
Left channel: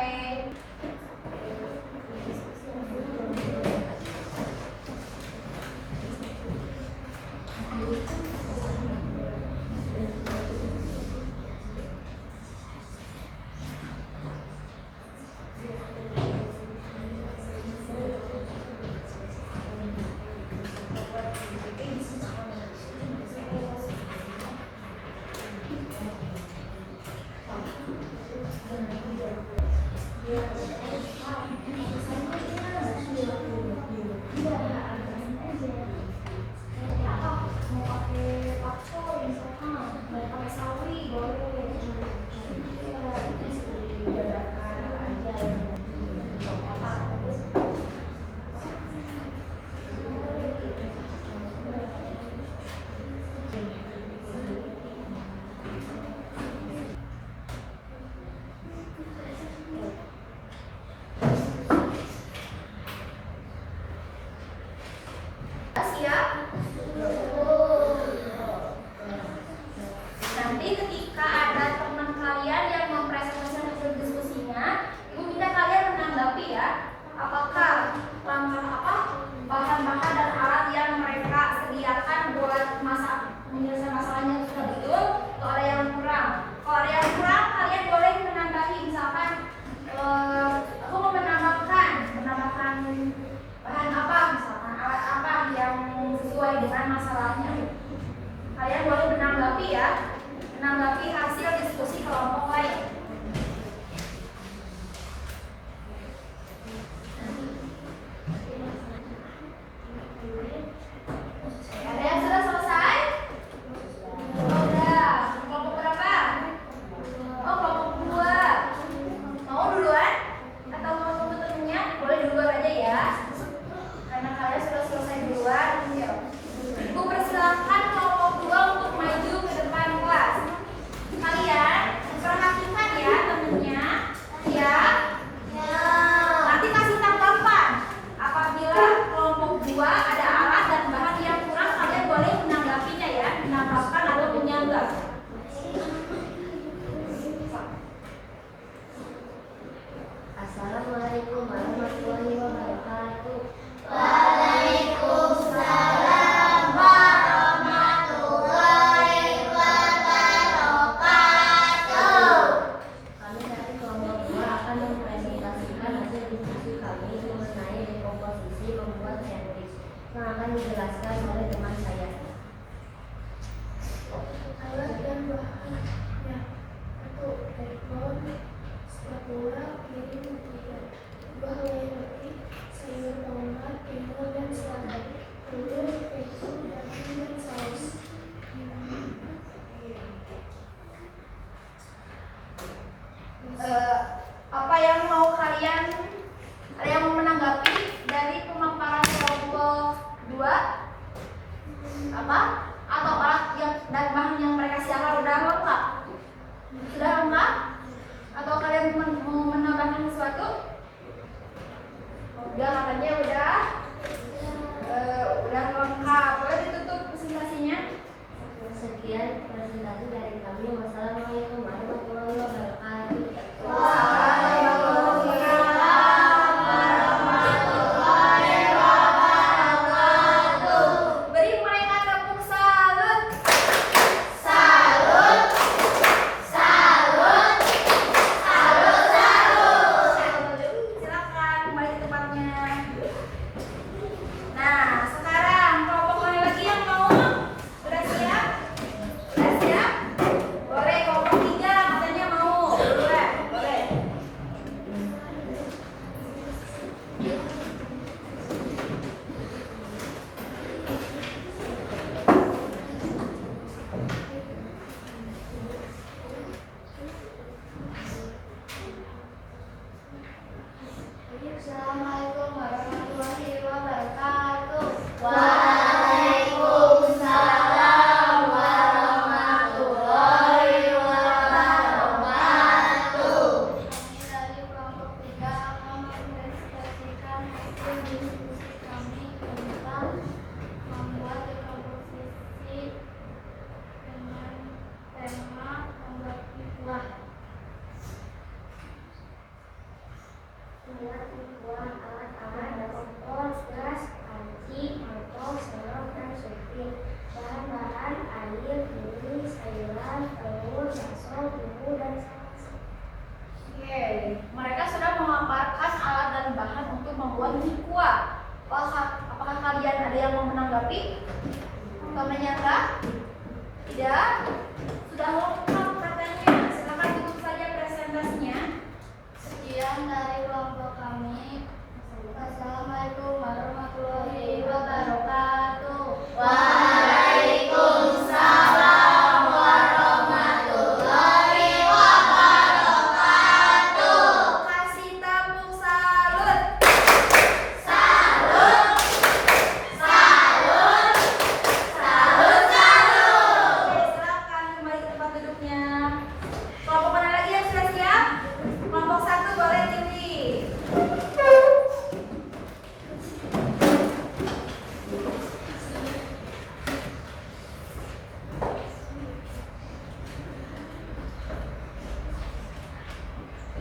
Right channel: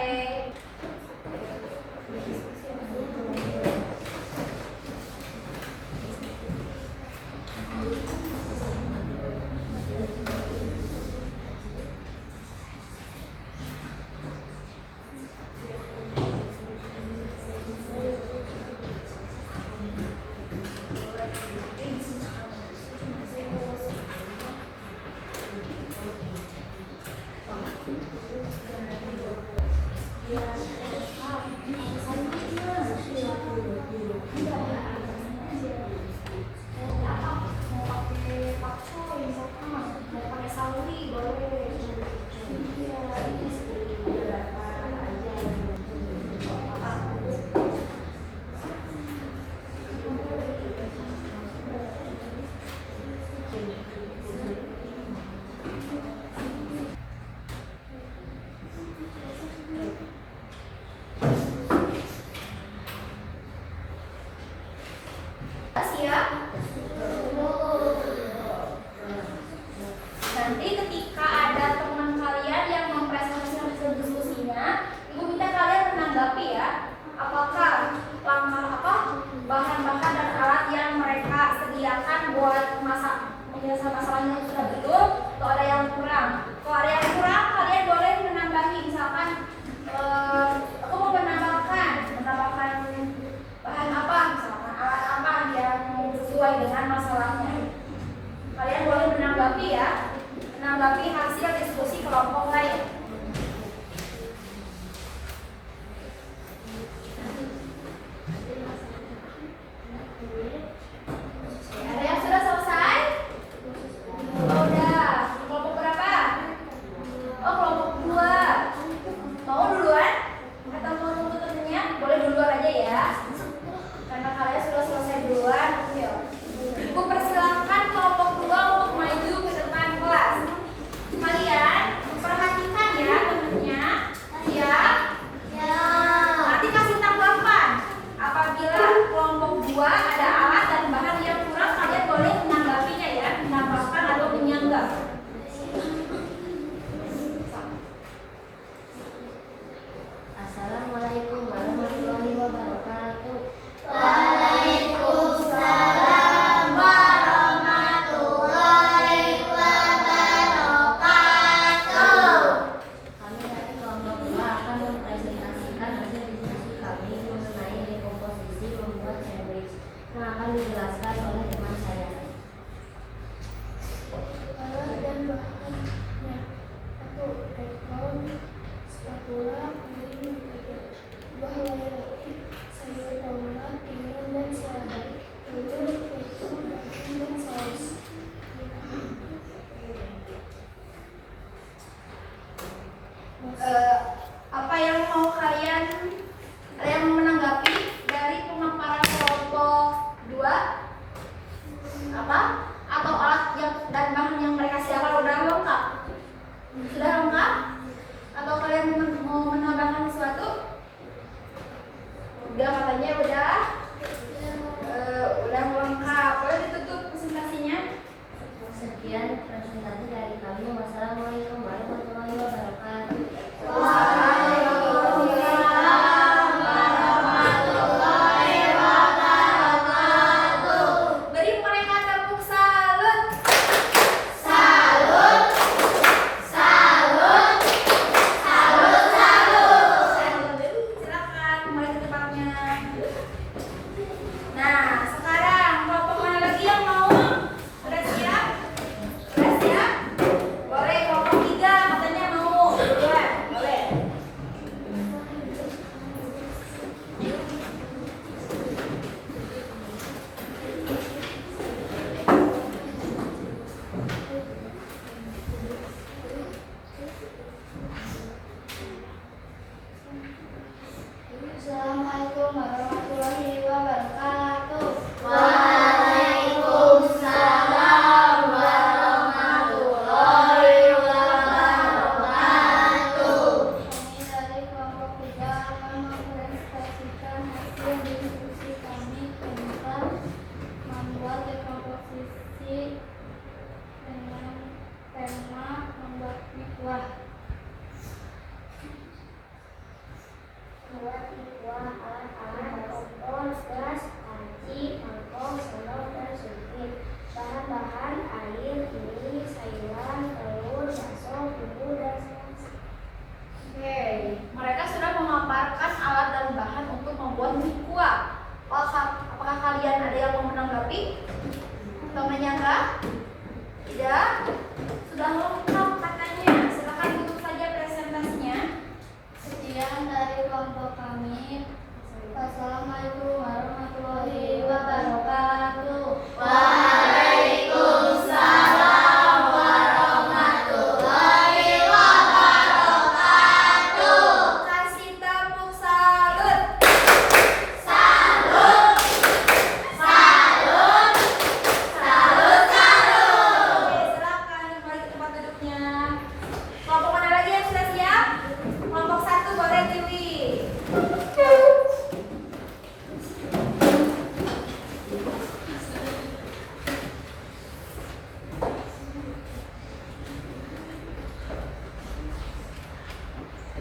Siap? Nanti ketika ada teman kalian yang mempresentasikan hasil diskusinya, ibu minta kalian menanggapi ya, apakah langkah bahan-bahan dan alat yang mereka sediakan buat menyelesaikan masalahnya sudah betul, atau ada yang kurang. Kalau ada yang kurang, kalian boleh menambahi. Misalkan aku mau menambahkan bahan apa, misalkan alat apa yang sesuai dengan masalahnya. gula, mirin, mentega. Bahan roti, sayur tomat, timun, dan selada, telur, keju, daging, dan saus. Apa yang mau kalian, ada yang mau menanggapi dari pemaparan kelompok 2? Apa? Atau alat yang dan bahan yang mereka siapkan udah lengkap? Sudah lengkap? Atau kalian mau menambahkan sesuatu? Udah, katanya udah lengkap. Boleh ditutup presentasinya? Sekian presentasi dari kami. Wassalamualaikum warahmatullahi wabarakatuh. Beri mereka tepuk salut. Silakan kembali ke tempatnya. Nah, sekarang kelompok mana lagi yang mau? Sudah siap? Sudah siap? Boleh kelompok 3 katanya mau. Duluan, boleh. Assalamualaikum warahmatullahi wabarakatuh. Waalaikumsalam warahmatullahi wabarakatuh. Kami dari kelompok 3 akan mempresentasikan hasil diskusi kami tentang membuat dekomposisi dengan tema membuat mikulah. Membuat mikulah alat-alat kompor, gas, panci, mangkok, sendok, dan supir. Bahan-bahan air, mie, sayuran, telur, bakso, bumbu, dan saus. Oke, mereka sudah memaparkan alat dan bahan untuk membuat mie kuah. Apakah kalian ada yang mau menanggapi atau menyangka? Tidak? Sudah lengkap katanya. Silakan tutup saja presentasinya. Sekian dari kelompok kami. Wassalamualaikum warahmatullahi wabarakatuh. Waalaikumsalam warahmatullahi wabarakatuh. Kasih tepuk salut. Salut. Salut. Salut. Salut. Oke, silakan kembali ke tempat duduknya. Kelompok mana lagi yang sudah siap? Kelompok 1 boleh Dewi.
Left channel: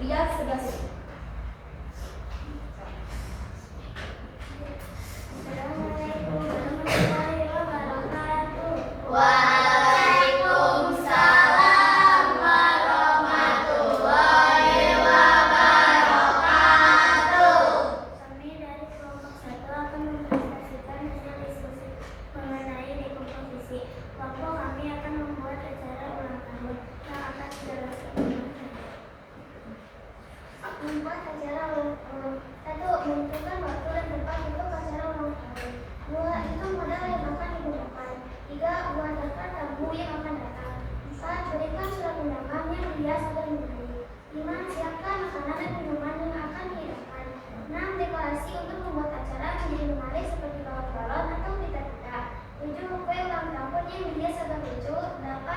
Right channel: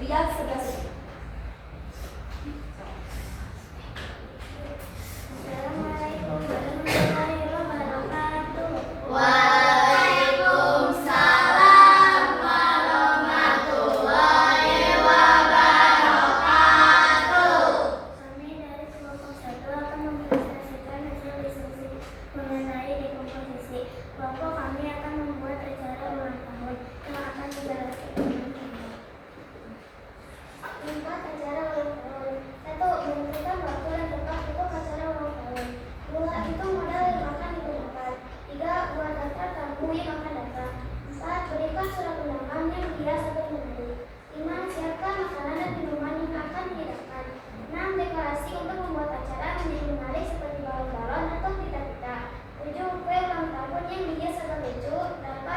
Lihat sebelah sini. Assalamualaikum warahmatullahi wabarakatuh. Waalaikumsalam warahmatullahi wabarakatuh. Kami dari kelompok 1 akan mempresentasikan hasil diskusi mengenai dekomposisi. Kelompok kami akan membuat acara ulang tahun yang akan dilakukan. Membuat acara ulang tahun. 1. Menentukan waktu dan tempat untuk acara ulang tahun. 2. Hitung modal yang akan digunakan. 3. Buat daftar tamu yang akan datang. 4. Berikan surat undangan yang dihias atau dimari. 5. Siapkan makanan dan minuman yang akan dihidangkan. 6. Dekorasi untuk membuat acara menjadi menarik seperti balon-balon atau pita-pita. 7. Kue ulang tahun yang dihias atau lucu. 8.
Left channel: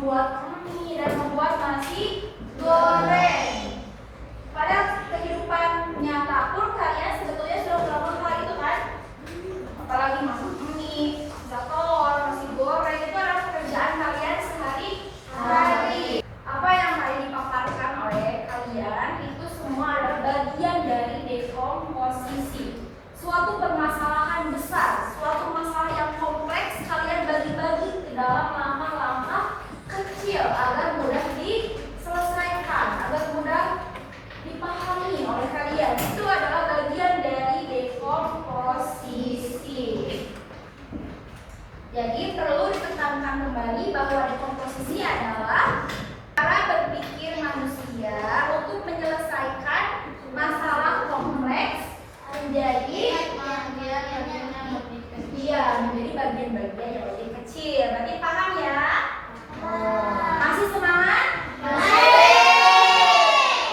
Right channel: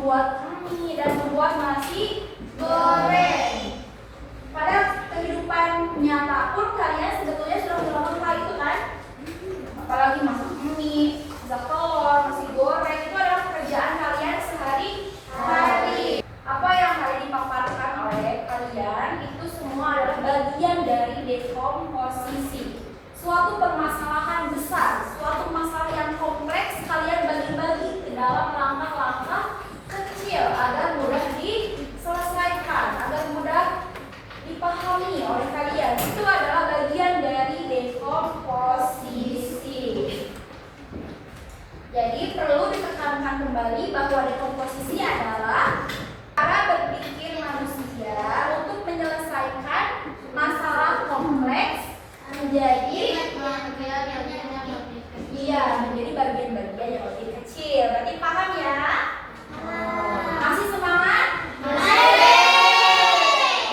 membuat mie dan membuat nasi goreng. Pada kehidupan nyata pun kalian sebetulnya sudah melakukan hal itu kan? Apalagi masak mie, masak telur, nasi goreng, itu adalah pekerjaan kalian sehari-hari. Apa yang hari dipaparkan oleh kalian itu semua adalah bagian dari dekomposisi. Suatu permasalahan besar, suatu masalah yang kompleks kalian bagi-bagi ke dalam langkah-langkah kecil agar mudah diselesaikan, agar mudah dipahami oleh kalian. Itu adalah bagian dari dekomposisi. Jadi perlu ditekankan kembali bahwa dekomposisi adalah cara berpikir manusia untuk menyelesaikan masalah kompleks menjadi bagian-bagian yang lebih kecil. Berarti paham ya? Masih semangat?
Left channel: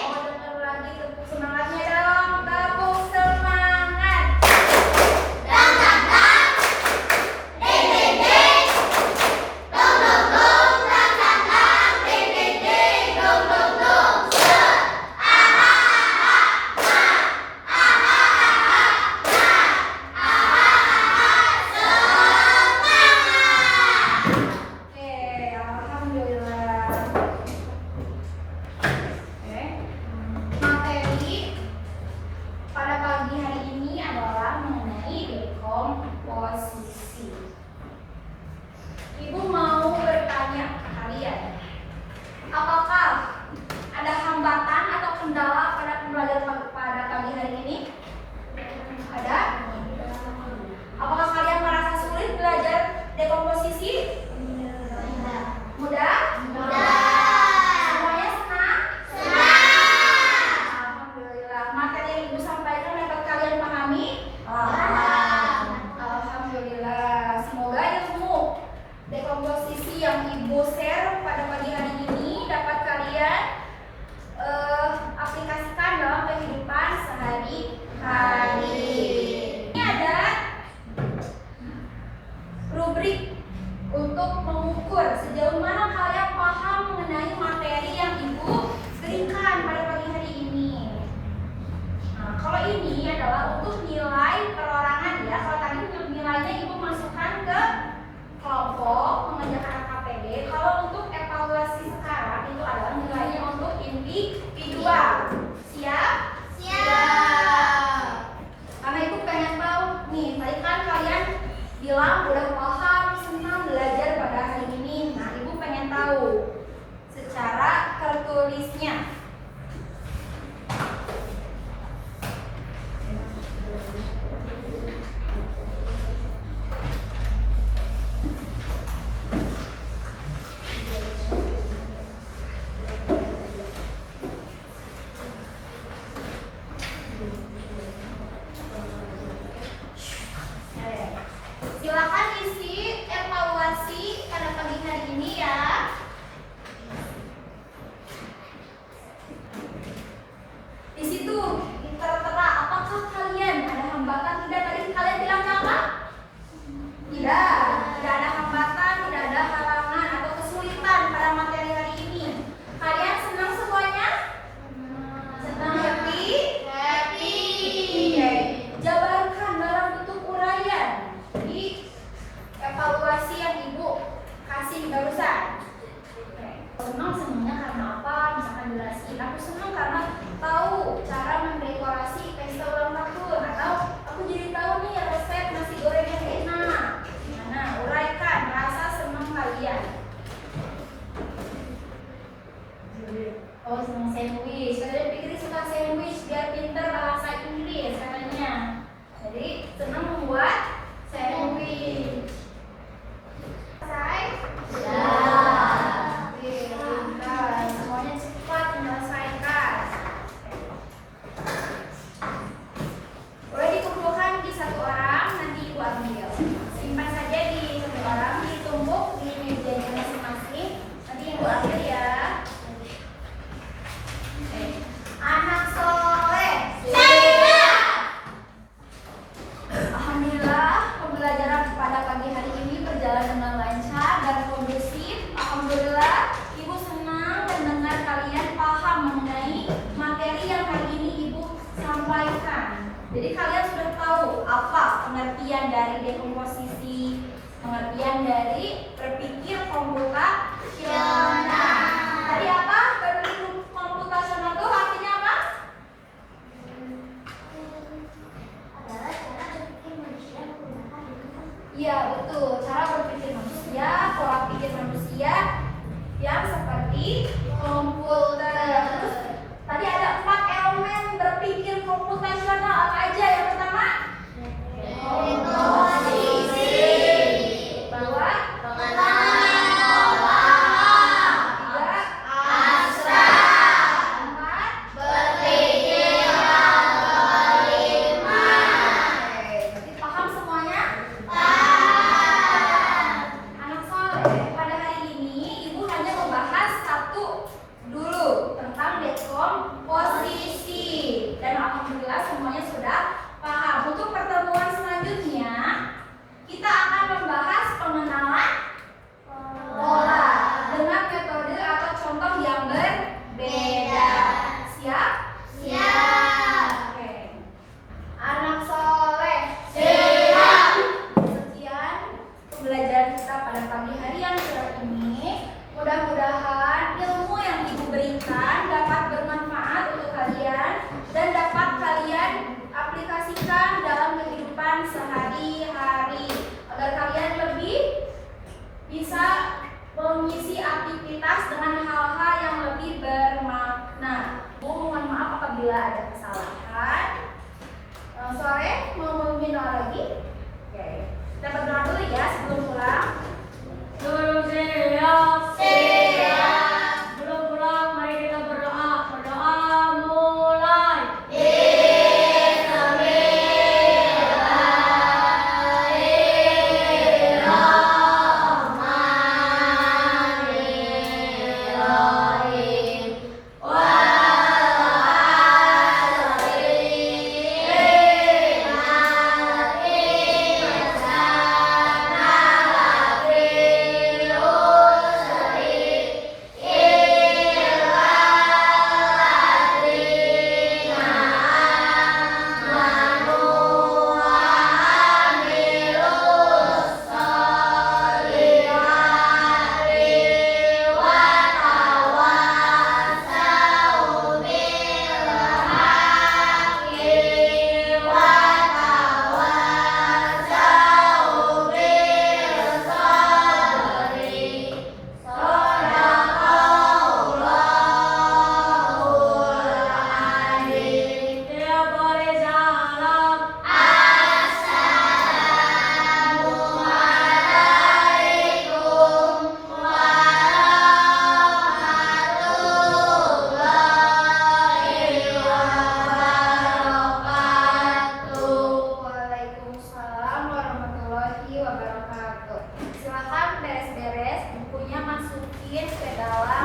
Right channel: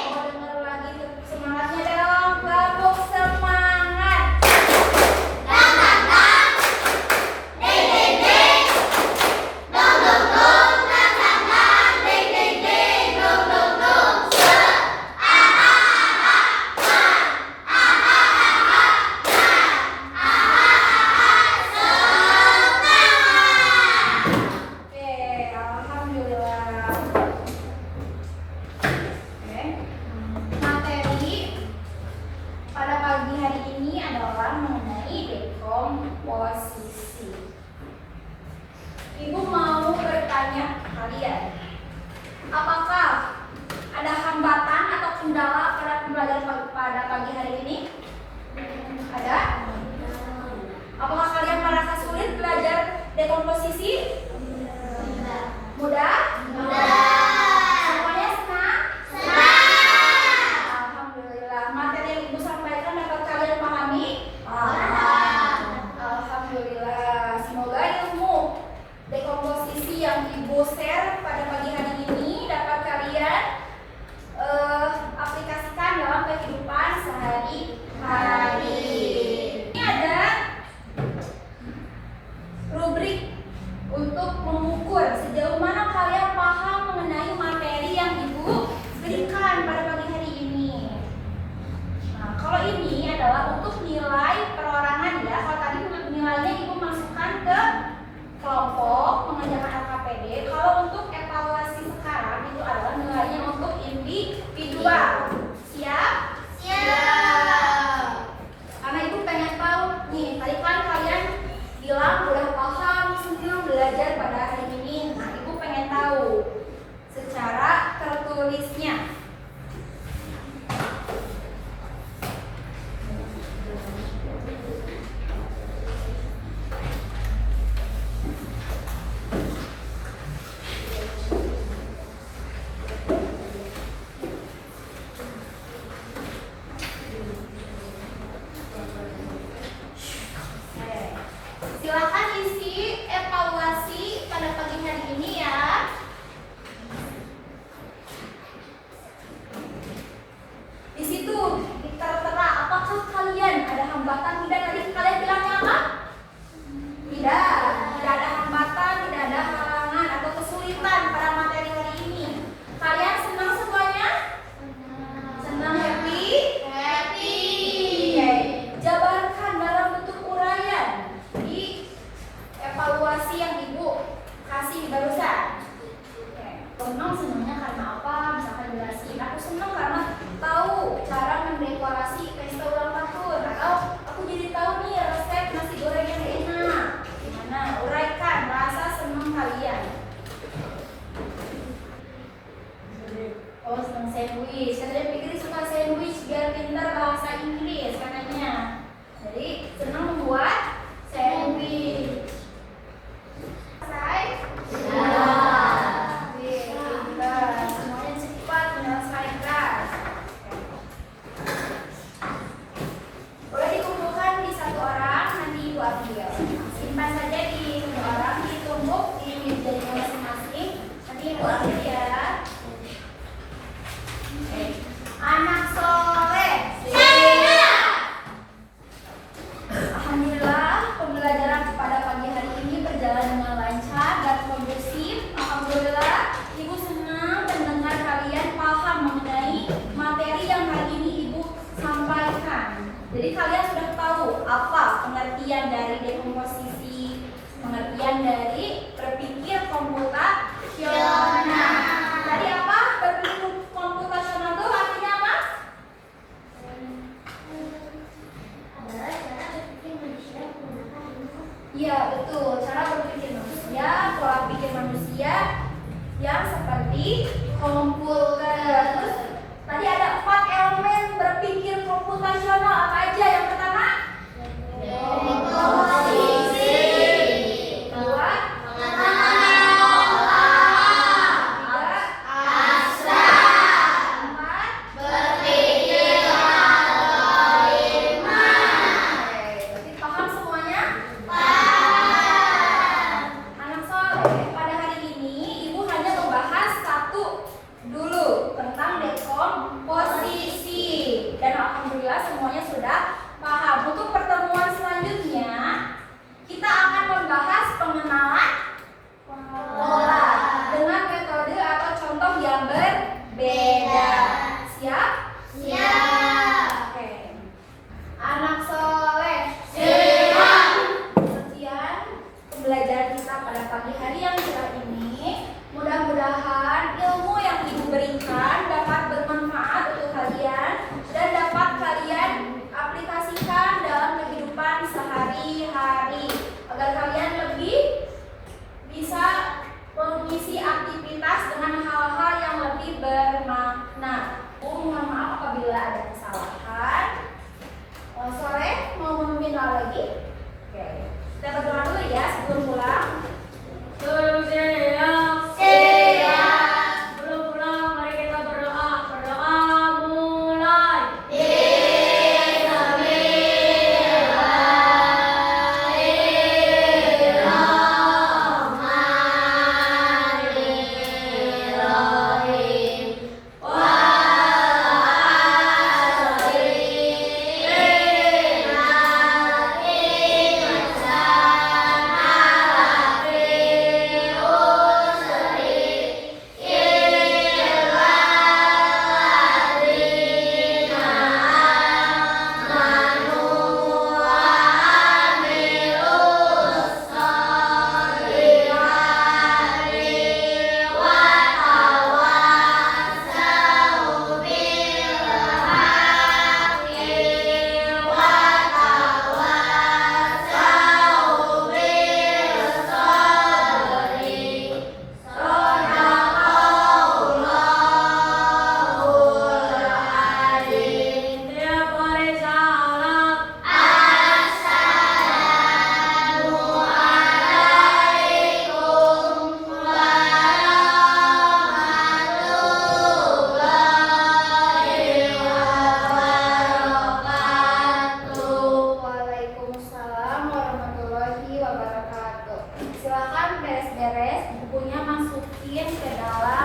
Mau dengar lagi tepuk semangatnya dong. Tepuk semangat. Oke, alhamdulillah. Oke. Materi pada pagi hari ini adalah mengenai dekomposisi. Ibu mau bertanya ke kalian, apakah ada hambatan atau kendala pada pembelajaran pada pagi hari ini? Ada? Apakah kalian merasa sulit belajar dekomposisi? Mudah? Semuanya senang? Alhamdulillah. Materi yang ibu sampaikan dapat kalian pahami? Alhamdulillah. Semoga ilmu dekomposisi yang ibu share pada pagi hari ini dapat kalian aplikasikan dalam kehidupan sehari-hari. Ini ada rubrik untuk mengukur sejauh mana kalian paham mengenai materi yang ibu berikan pada pagi hari ini. Nah, kalau ini adalah untuk nilai perorangan ya. Kalau tadi untuk nilainya ibu masukkan ke kelompok mengerjakan LKPD. Kalau untuk evaluasi sekarang itu adalah nilainya untuk individual. Siap? Karena ibu pengen tahu nih, tadi kan kalian bilang udah paham, senang belajar pada hari ini. Nah, ibu pengen tahu secara tertulisnya. Silakan isi evaluasi pada pagi hari ini ya. Di situ tertera apakah kalian ada hambatan tidak? Tadi kalian bilangnya apa? Tidak ada hambatan, tidak ada halangan atau kesulitan pada materi hari ini. Kalian senang semuanya? Senang, happy? Oke. Jabarkan dalam bentuk uraian di evaluasi yang ibu kasih barusan. Senangnya karena apa? Misalkan jelasin. Aku senang karena tahu cara mendekorasi pesta ulang tahun, atau aku jadi tahu nih resep nasi goreng yang enak. Gimana? Uraikan rasa senang kalian. Oh, senang sandwich. Kalian pikir suka sandwich biar pintar bahasa Inggris katanya. Jadi senang membuat sandwich. Selesai? Semuanya cepat menyelesaikan. Boleh dikumpulkan di satu orang, nanti ibu ambil. Simpan saja di satu orang, ditumbuk di mejanya masing-masing. Nanti ibu ambil ya. Anak soleh. Alhamdulillah, pembelajaran pada pagi hari ini berjalan dengan lancar dan kondusif. Alhamdulillah. yang seperti komputer. Terus tadi ada 4 elemen berpikir komputasional, apa aja? Yang pertama posisi, kedua pada hari ini Ibu hanya membahas satu dulu tentang dekomposisi dan alhamdulillah semuanya sudah paham. Untuk pertemuan selanjutnya kita akan membahas pengenalan pola dengan metode atau contoh yang berbeda. Siap? Siap. Oke. Anak soleh. Sekian pembelajaran kita pada pagi hari yang cerah ini. Mudah-mudahan ilmu yang Ibu berikan dapat bermanfaat untuk kalian dan dapat kalian aplikasikan dalam kehidupan sehari-hari agar kalian lebih bisa mengisi aktivitas dengan hal-hal yang lebih bermakna. Mohon maaf apabila ada kesalahan. Sore mau memimpin doa lagi? Oke. Kita berdoa dulu ya sebelum pulang. Belum pulang, mari kita berdoa. Berdoa mulai. Tidak boleh salah. Waalaikumsalam warahmatullahi wabarakatuh. Silakan beres-beres bukunya, masukin ke dalam